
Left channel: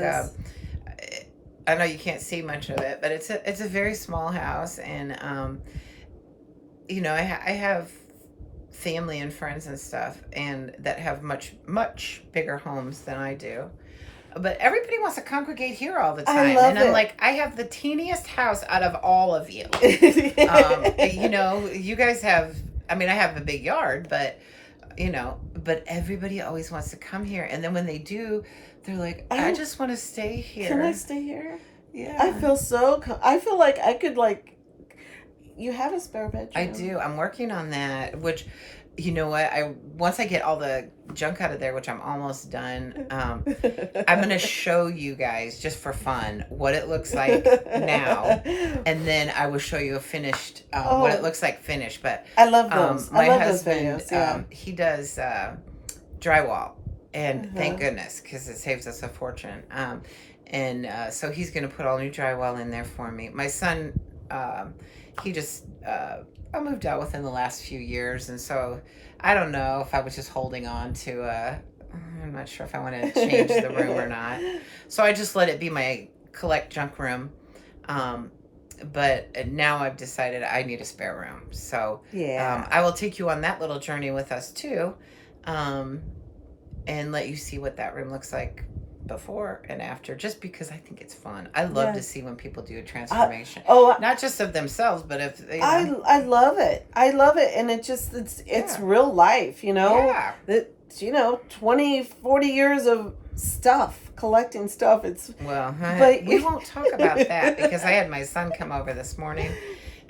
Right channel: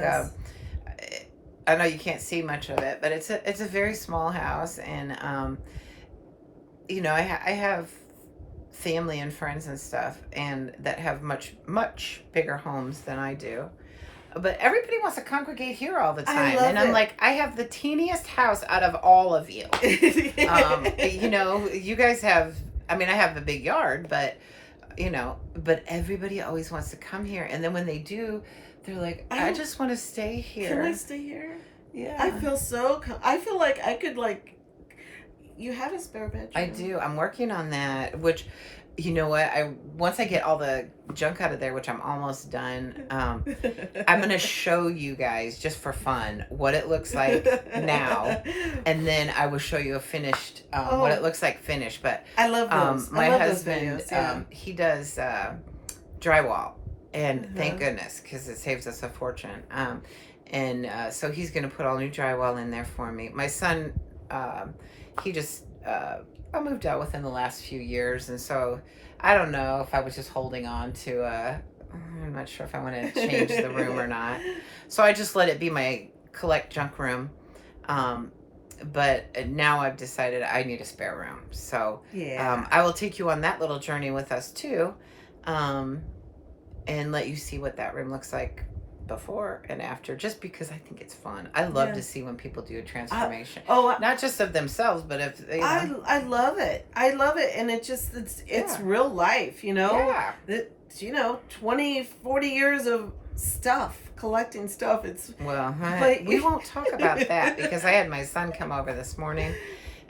I know you can't see much of it, but it's a very small house, and I have family and friends and stuff, and that have much bigger homes than I do. But everybody wants to congregate here all the time, and I'm like, I have the teeniest house out of all of you. You guys have. I mean, I have a big yard, but. But everybody always wants to come here. And then when they do, they're like, I just want to stay here. Can I stay here? Yeah. I feel like I could, you have a spare bedroom. I do. I'm working on that, which, you know what? Once I get all the junk out of there, which I'm almost done. I'm going to show you guys, just for fun, what it looks like now. And then I will show you a finished, what it looks like finished. But I love those. my I love husband, those videos, yeah. he does drywall. And thank goodness, because it saves us a fortune. So he's going to put all new drywall in there for me. My son, he just, I moved out within the last few years. And so I don't know if I was just holding on to I'm not sure if I want to change the room or not. So I just let it be my collect junk room. But now I've decided I need a spare room. So I will take you on that little journey with us too. And let you see what that room looks like before and after, just because I think it's fun. I love to see when people do a transformation. Not just of themselves, but of, you know. I love it. I love it. And it's real life, you know? Yeah. It's, you know, 20, 40 years of stuff, collecting stuff. But we won't talk about that, because I had my son come over this morning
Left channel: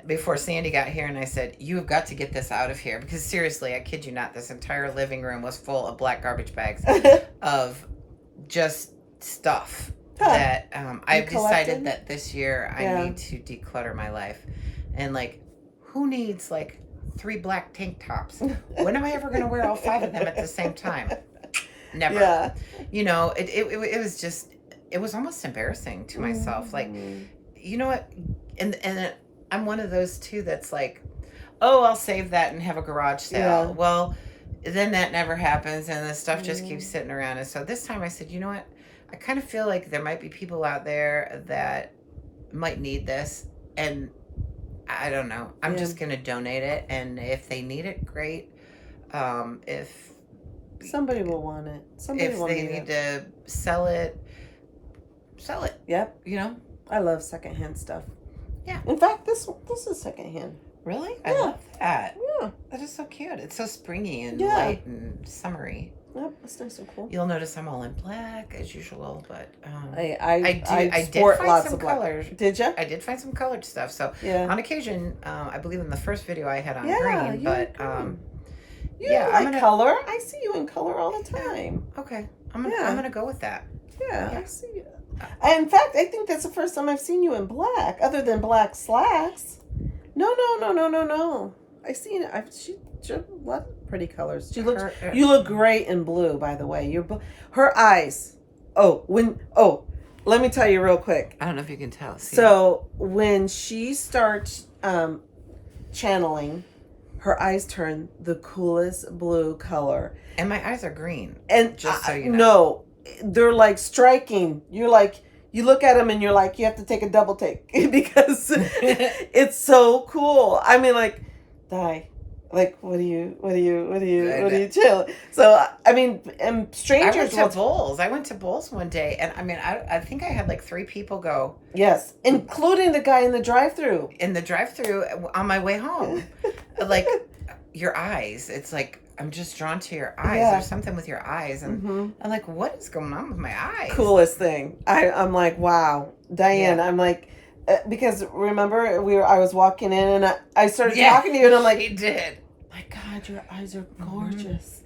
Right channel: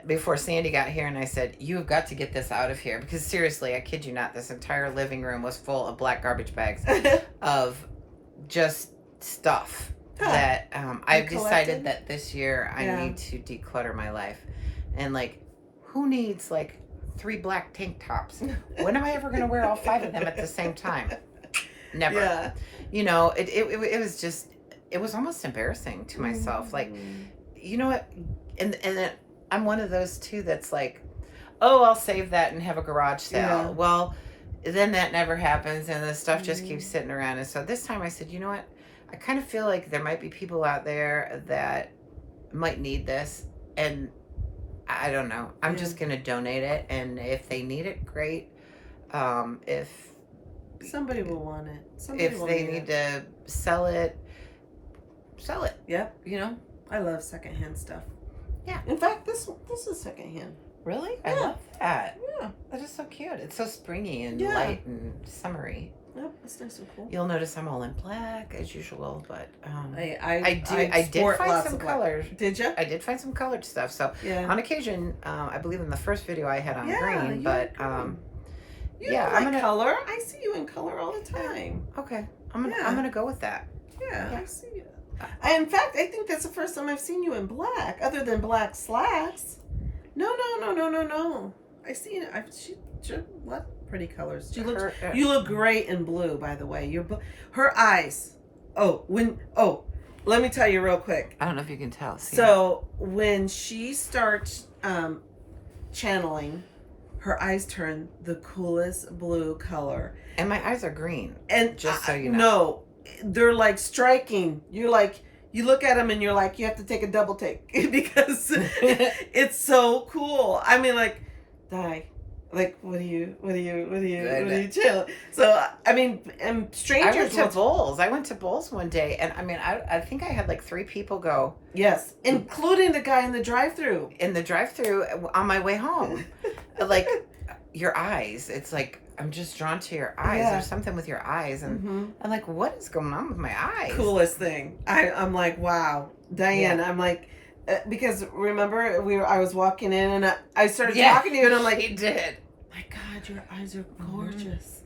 before Sandy got here, and I said, you've got to get this out of here, because seriously, I kid you not, this entire living room was full of black garbage bags of just stuff that I've decided that this year I need to declutter my life. And like, who needs like 3 black tank tops? When am I ever going to wear all 5 of them at the same time? Never. You know, it was just, it was almost embarrassing to myself. Like, you know what? And I'm one of those too that's like, oh, I'll save that and have a garage sale. Well, then that never happens, and the stuff just keeps sitting around. And so this time I said, you know what? I kind of feel like there might be people out there that might need this, and I don't know. I'm just going to donate it, and if they need it, great. If somebody will want it. If they need to sell it, sell it. Yep. You know? I love secondhand stuff. Yeah. In fact, this is secondhand. Really? I love that. Yeah. That is so cute. It's so springy and light and summery. Yep, that's nice and cool. You'll notice I'm all in black as usual, but I did find some colors. Did you? I did find some colored stuff. So on occasion, I believe in the first video I had on green, but I'm gonna color. I see you in color all the time. Okay, I'm gonna go with that. Yeah. I see you. In fact, I think that's the first time I've seen you in black, other than black slacks. No. I've seen it. She a lot of pretty colors. You look great in blue, by the way. Her eyes. Let me tell you real quick. I don't know if you can tell. So when she starts channeling, her eyes turn the coolest blue color. And my eyes are green. And just so you know. No, they're like striking. You're like, you look at them and you're like, you have to take a double take because it's so cool. I mean, like, like, what do you chill? So, I mean, and strangers. I went to Bowls. I went to Bowls one day, and I mean, I think I had like 3 people go. Yes, including the guy in the drive-thru. In the drive-thru on my way home. Like, your eyes. It's like, I'm just drawn to your eyes. There's something with your eyes. And I'm like, what is going on with my eyes? Coolest thing. I'm like, wow. Diane, I'm like, because remember, I was walking in and I started talking to you and I'm like, he did. My God, your eyes are gorgeous.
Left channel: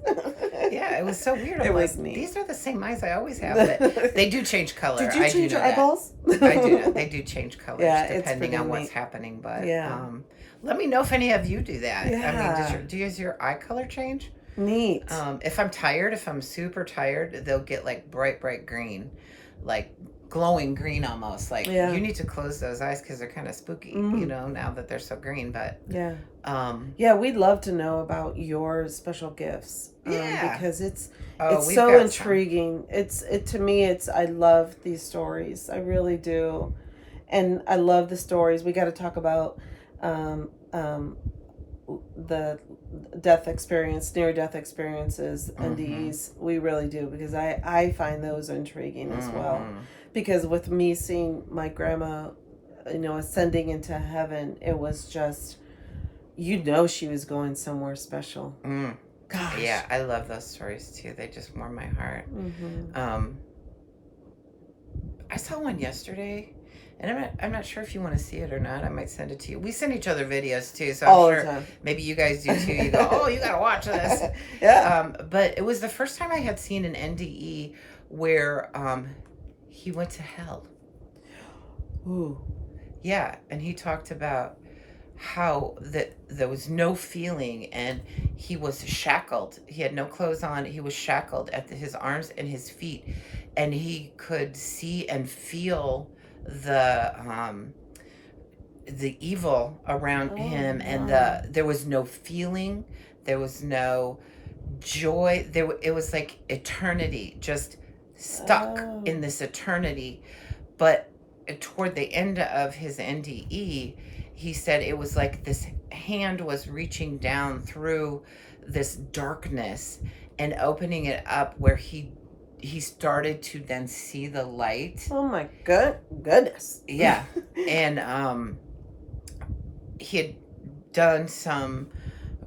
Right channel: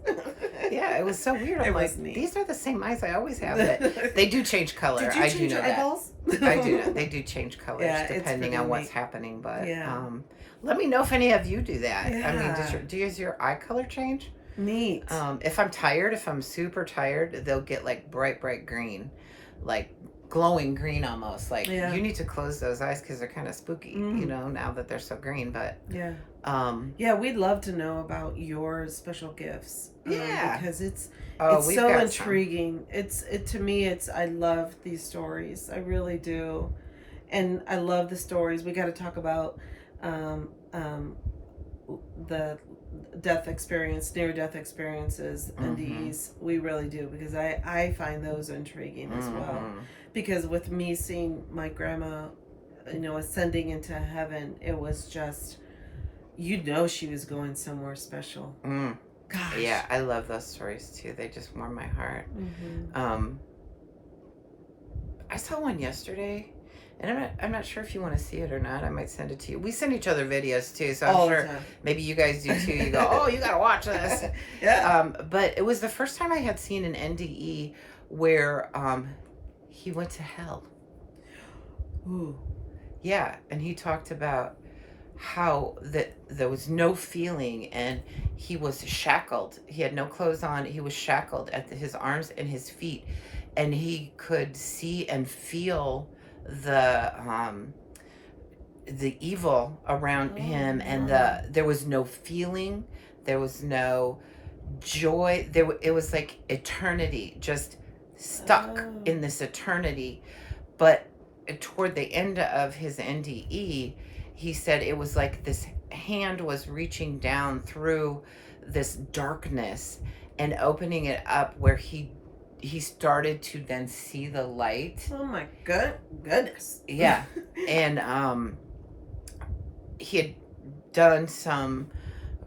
Yeah, it was so weird. I'm like, these are the same eyes I always have, but they do change color. Did you change your eyeballs? I do know. They do change colors depending on what's happening. But let me know if any of you do that. I mean, does your eye color change? Neat. If I'm tired, if I'm super tired, they'll get like bright green, like glowing green almost. Like you need to close those eyes because they're kind of spooky, you know, now that they're so green. But we'd love to know about your special gifts. Because it's we've so got intriguing. To me, I love these stories. I really do, and I love the stories. We got to talk about the near-death experiences, NDEs. We really do, because I find those intriguing as well. Because with me seeing my grandma, you know, ascending into heaven, it was just, you know, she was going somewhere special. Gosh. Yeah, I love those stories too. They just warm my heart. I saw one yesterday, And I'm not sure if you want to see it or not. I might send it to you. We send each other videos too, so All I'm the sure time. maybe you guys do too. You go, oh, you gotta watch this. Yeah. But it was the first time I had seen an NDE where he went to hell. Ooh. Yeah, and he talked about how that there was no feeling, and he was shackled. He had no clothes on. He was shackled at his arms and his feet, and he could see and feel the evil around him, and there was no feeling, there was no joy. It was like eternity, just stuck in this eternity. But toward the end of his NDE, he said it was like this hand was reaching down through this darkness and opening it up, where he started to then see the light. Oh my goodness. Yeah. And he had done some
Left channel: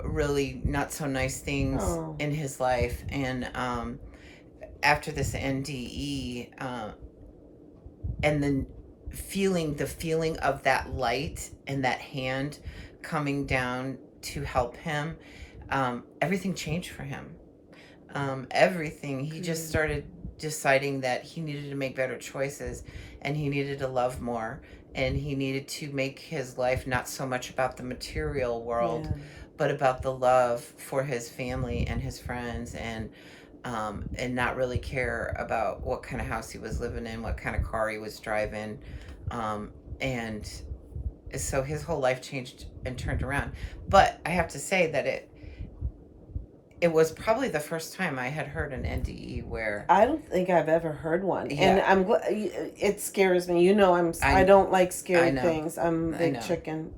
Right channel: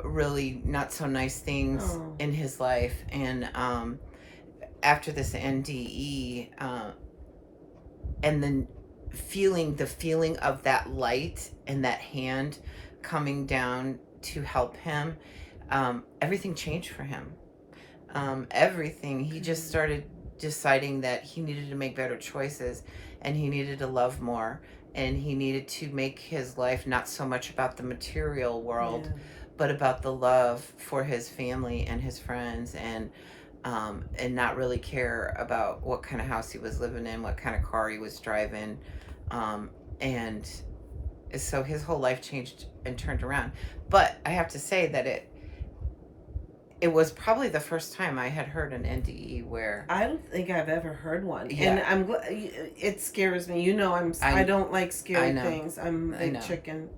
really not so nice things in his life, and after this NDE, and then the feeling of that light and that hand coming down to help him, everything changed for him. Everything. He just started deciding that he needed to make better choices, and he needed to love more, and he needed to make his life not so much about the material world, but about the love for his family and his friends, and not really care about what kind of house he was living in, what kind of car he was driving. And so his whole life changed and turned around. But I have to say that it was probably the first time I had heard an NDE where... I don't think I've ever heard one. Yeah. And it scares me. You know, I don't like scary things. I'm a big chicken.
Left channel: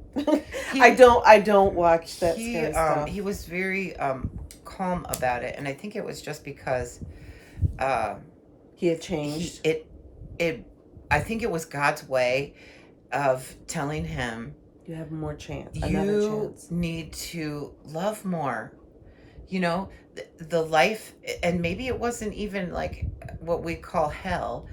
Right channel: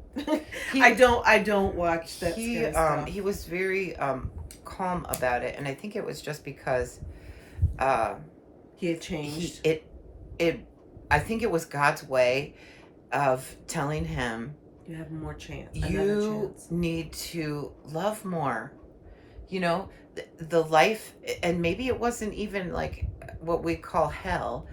I don't watch that scary stuff. He was very calm about it, and I think it was just because he had changed. I think it was God's way of telling him, you have more chance. You need to love more. You know, the life, and maybe it wasn't even like what we call hell.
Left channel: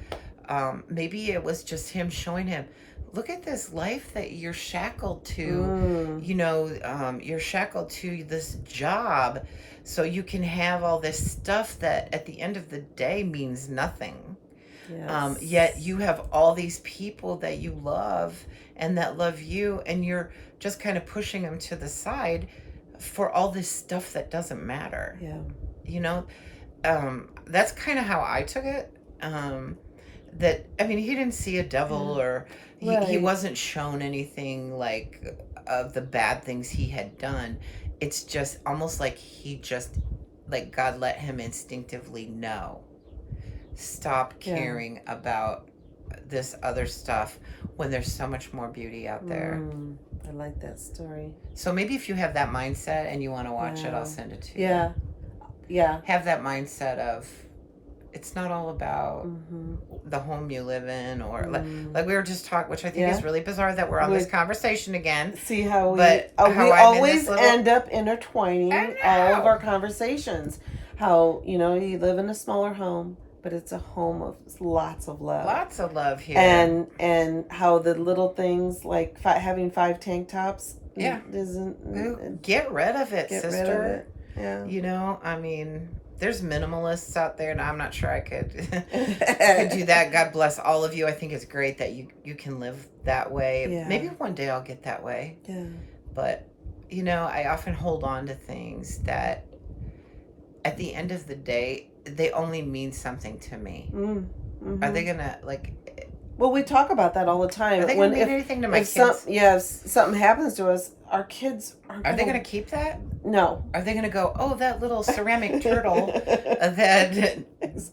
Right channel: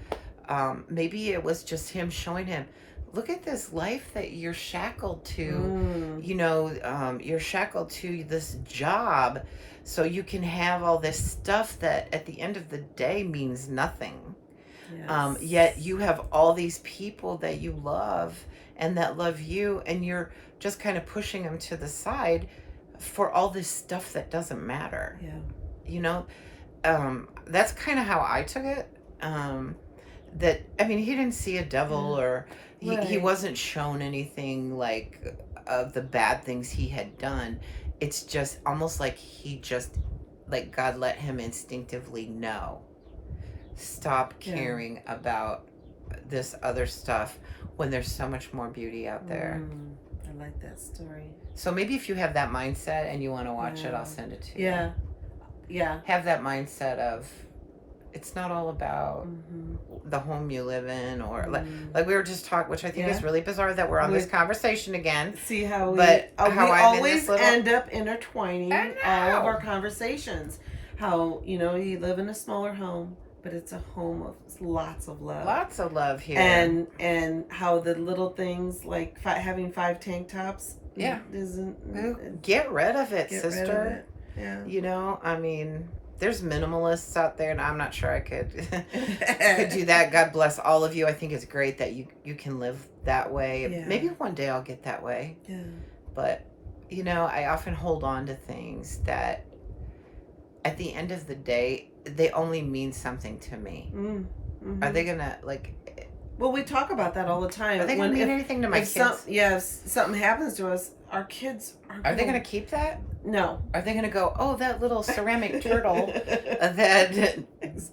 Maybe it was just him showing him, look at this life that you're shackled to. You know, you're shackled to this job, so you can have all this stuff that at the end of the day means nothing. Yes. Yet you have all these people that you love and that love you, and you're just kind of pushing them to the side for all this stuff that doesn't matter. Yeah. You know, that's kind of how I took it. That, I mean, he didn't see a devil, or he wasn't shown anything like of the bad things he had done. It's just almost like like God let him instinctively know, stop caring about this other stuff when there's so much more beauty out there. I like that story. So maybe if you have that mindset and you want to watch it, I'll send it to you. Yeah. Have that mindset of, it's not all about the home you live in, or like we were just talking, which I think is really bizarre that we're on this conversation again. See how we, how we I'm always end up intertwining all of our conversations. How, you know, you live in a smaller home, but it's a home of lots of love. Lots of love here. And how the little things like having 5 tank tops isn't... Get rid of it, get sister. Rid of it. Yeah. You know, I mean, there's minimalists out there, and I'm not sure I could could do that. God bless all of you. I think it's great that you can live that way. Yeah. Maybe one day I'll get that way. Yeah. But, you know, I often hold on to things that at the end of the day, they only mean something to me. Are they gonna, like... Well, we talk about that all the time. Are they gonna mean anything to my kids? If something happens to us, our kids are they gonna keep that? No. Are they gonna go, oh, that little ceramic turtle that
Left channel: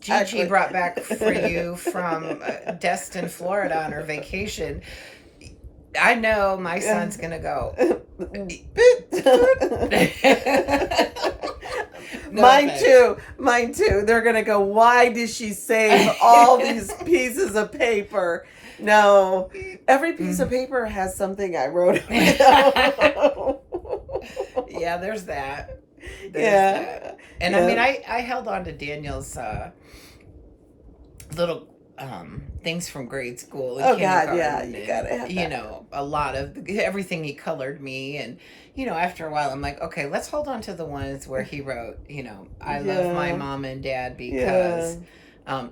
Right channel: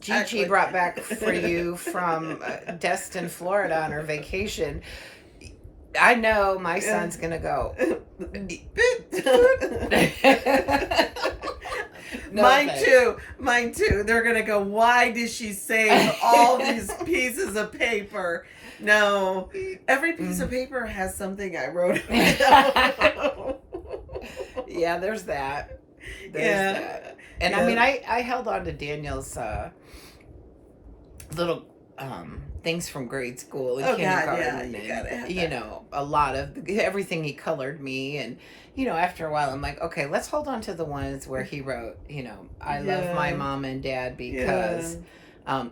Gigi brought back for you from Destin, Florida on her vacation? I know my son's gonna go. No, mine too. They're gonna go, why did she save all these pieces of paper? No, every piece of paper has something I wrote. Yeah, there's that. That. And I mean, I held on to Daniel's little things from grade school and Oh God, kindergarten, yeah, you and gotta have that. a lot of everything he colored me, and after a while I'm like, okay, let's hold on to the ones where he wrote, I love my Yeah, mom and dad yeah, because,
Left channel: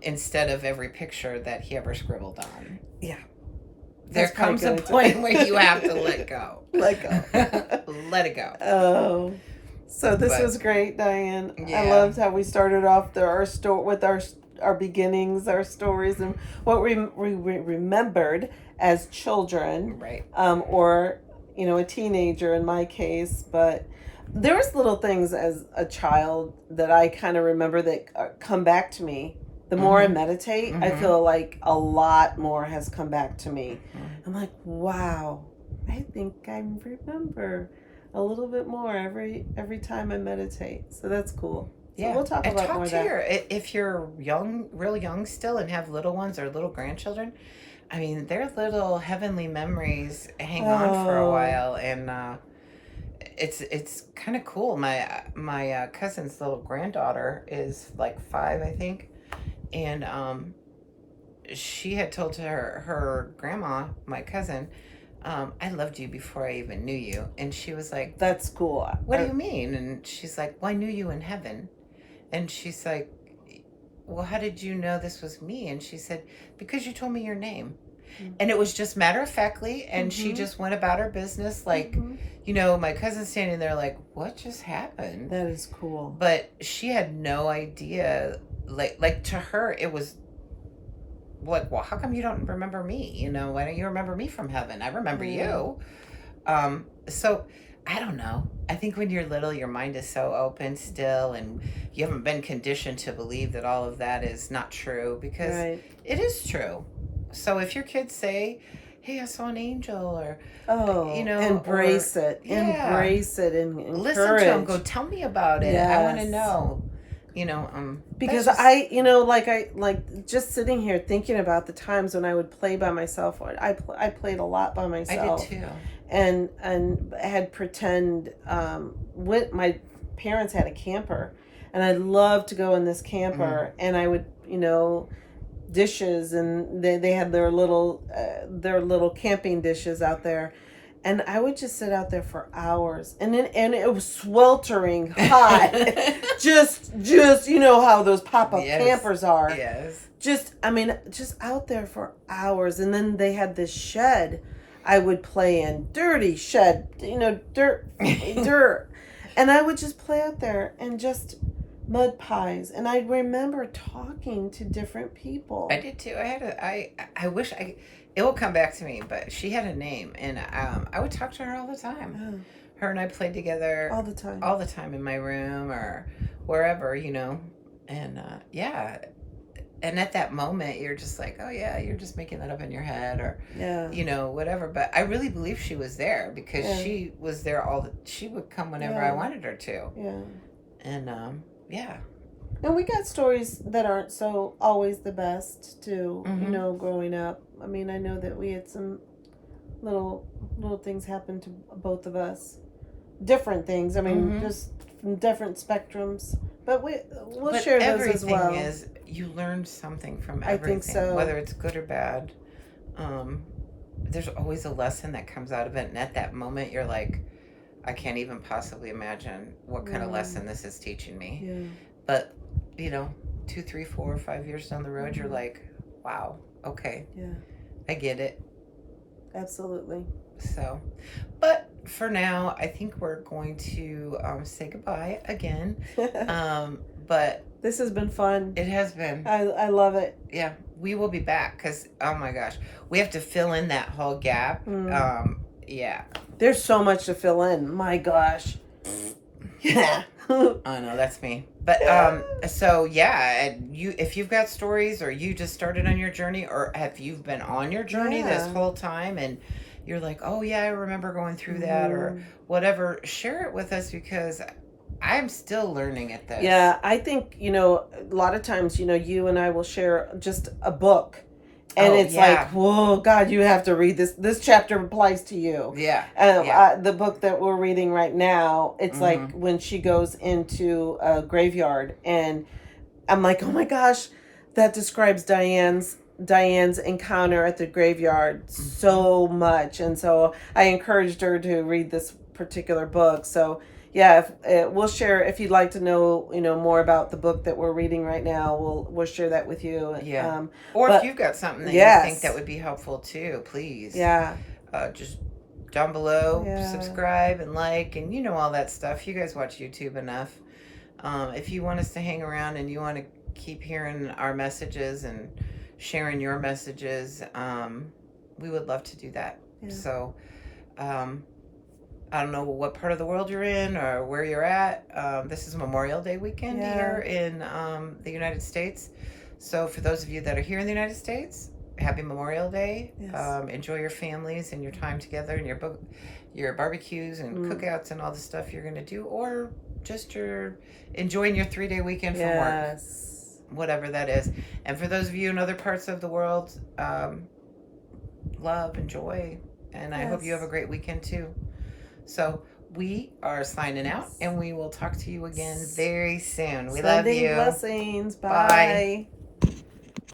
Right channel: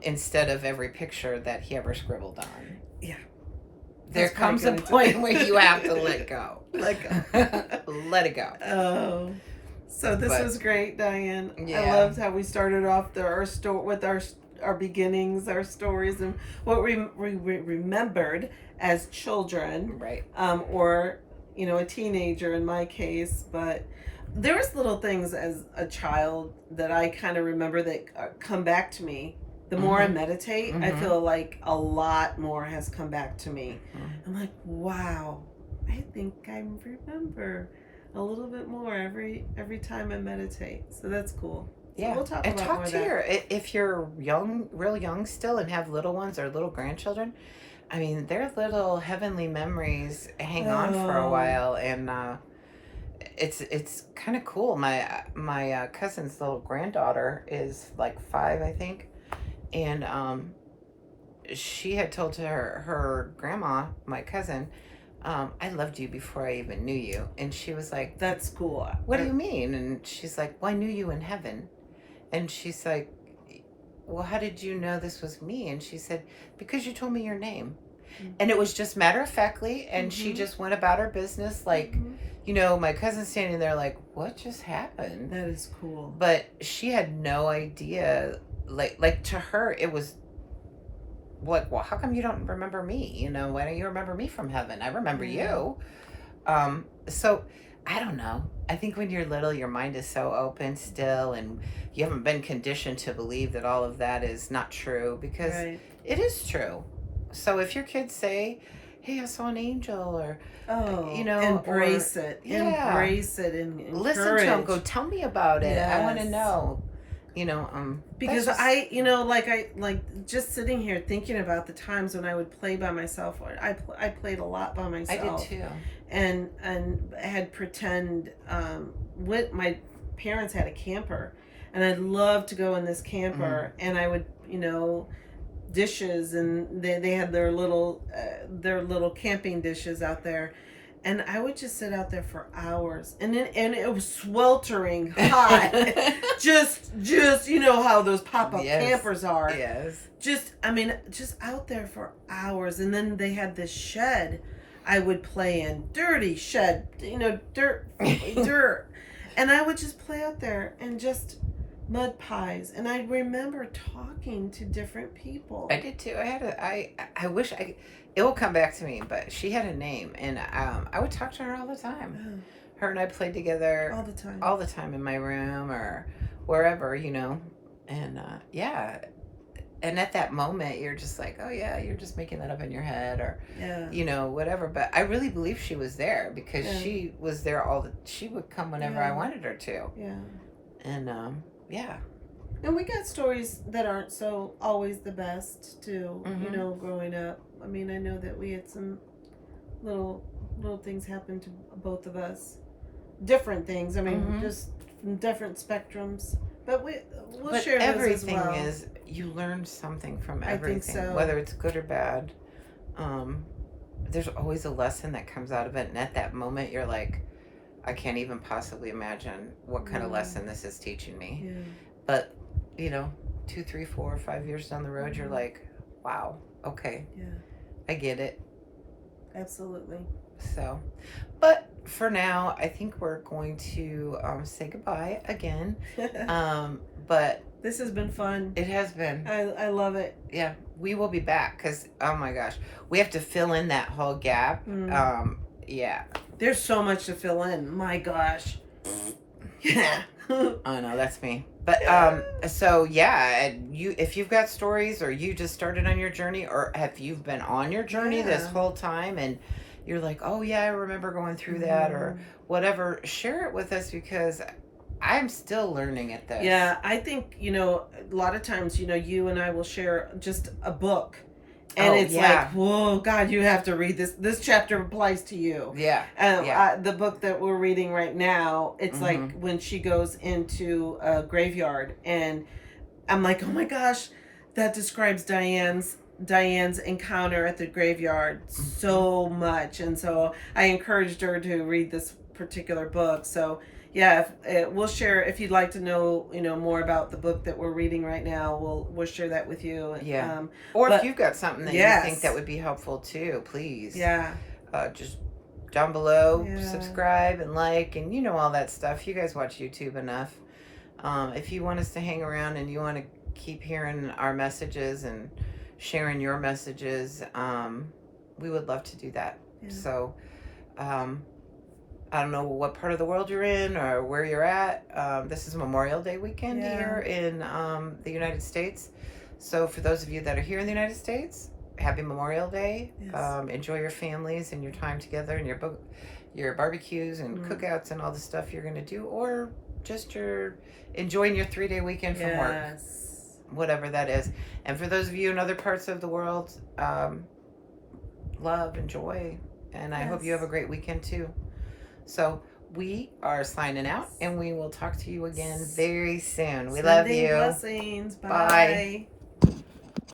instead of every picture that he ever scribbled on. yeah. There That's probably comes a good. point where you have to let go. Let go. Let it go. Oh, so this But was great, Diane. I yeah, loved how we started off with our beginnings, our stories, and what we remembered as children, right. or a teenager in my case. But there was little things as a child that I kind of remember that come back to me. The more I Mm-hmm. meditate, I Mm-hmm. feel like a lot more has come back to me. Mm-hmm. I'm like, wow, I think I remember a little bit more every time I meditate. So that's cool. So Yeah, we'll talk and about more talk of to that. if you're young, real young still, and have little ones or little grandchildren. I mean, their little heavenly memories hang on for a Oh, while, and it's kind of cool. My cousin's little granddaughter is like 5, I think, and she had told her grandma, my cousin, I loved you before I even knew you, and she was like, that's cool. "What do you mean?" And she's like, "Well, I knew you in heaven." And she's like, "Well, how did you know this was me?" And she said, "Because you told me your name." And it was just matter of factly. And she Mm-hmm. just went about her business. Like, Mm-hmm. my cousin's standing there like, what just happened? That is cool. But she had no idea. Like to her, it was like, well, how come you don't remember me? Why don't you remember me from heaven? I remember Yeah. you. So I don't know. I think when you're little, your mind is so open still, and you haven't been conditioned to believe that all of that is not true, because Right. it is true. So if your kids say, "Hey, I saw an angel," or Oh, or embrace it. yeah, Embrace it and listen to them. Go encourage. tell me about it. I want to Yes. know. That's Because just I like just sitting here thinking about the times when I would play by myself. Or I played a lot by I did myself, too. and had pretend. With my parents had a camper, and I'd love to go in this Mm-hmm. camper, and I would dishes, and they had their little camping dishes out there, and I would just sit out there for hours, and it was sweltering hot. just how those pop-up Yes. campers are. Yes. Just out there for hours. And then they had this shed I would play in, dirty shed, dirt, and I would just play out there and just mud pies. And I remember talking to different people. I did too. I wish it will come back to me, but she had a name, and I would talk to her all the time. Oh, Her and I played together all the time. all the time in my room or wherever, and yeah. And at that moment, you're just like, oh yeah, you're just making that up in your head, or Yeah. whatever. But I really believe she was there, because Yeah. she was there she would come whenever I Yeah. wanted her to, Yeah. and yeah. And we got stories that aren't so always the best too, Mm-hmm. growing up. I mean, I know that we had some little things happen to both of us. Different things. I mean, Mm-hmm. just from different spectrums. But we'll But share those as everything well. is, you learn something from I think everything, so. whether it's good or bad. Um, there's always a lesson that comes out of it, and at that moment, you're like, I can't even possibly imagine what kind of lesson this is teaching me. Yeah. But 2, 3, 4, 5 years down the road, you're like, wow, okay, Yeah. I get it. Absolutely. So, but for now, I think we're going to say goodbye again. But This has been fun. it has been. I love it. Yeah, we will be back, because oh my gosh, we have to fill in that whole gap. Yeah, There's so much to fill in. My gosh. Yeah. I know, that's me. But so yeah, if you've got stories, or you just started on your journey, or have you been on your journey this whole time, and you're like, oh yeah, I remember going through that, or whatever, share it with us, because I'm still learning at this. Yeah, I think, a lot of times, you and I will share just a book. And it's like, whoa, God, you have to read this. This chapter applies to you. Yeah. The book that we're reading right now, it's like when she goes into a graveyard. And I'm like, oh my gosh, that describes Diane's Diane's encounter at the graveyard so much, and so I encouraged her to read this particular book. So yeah, we'll share, if you'd like to know, more about the book that we're reading right now, we'll share that with you. Yeah. Or if you've got something that you think that would be helpful too, please. Yeah. Just down below, subscribe and like, and all that stuff. You guys watch YouTube enough. If you want us to hang around and you want to keep hearing our messages and sharing your messages, we would love to do that. Yeah. So, I don't know what part of the world you're in or where you're at. This is Memorial Day weekend here in the United States. So for those of you that are here in the United States, happy Memorial Day. Yes. Enjoy your families and your time together and your barbecues and cookouts and all the stuff you're going to do, or just enjoying your 3-day weekend from work, whatever that is. And for those of you in other parts of the world, love and joy. And I hope you have a great weekend too. So we are signing out, and we will talk to you again very soon. We love you. Blessings. Bye. Bye.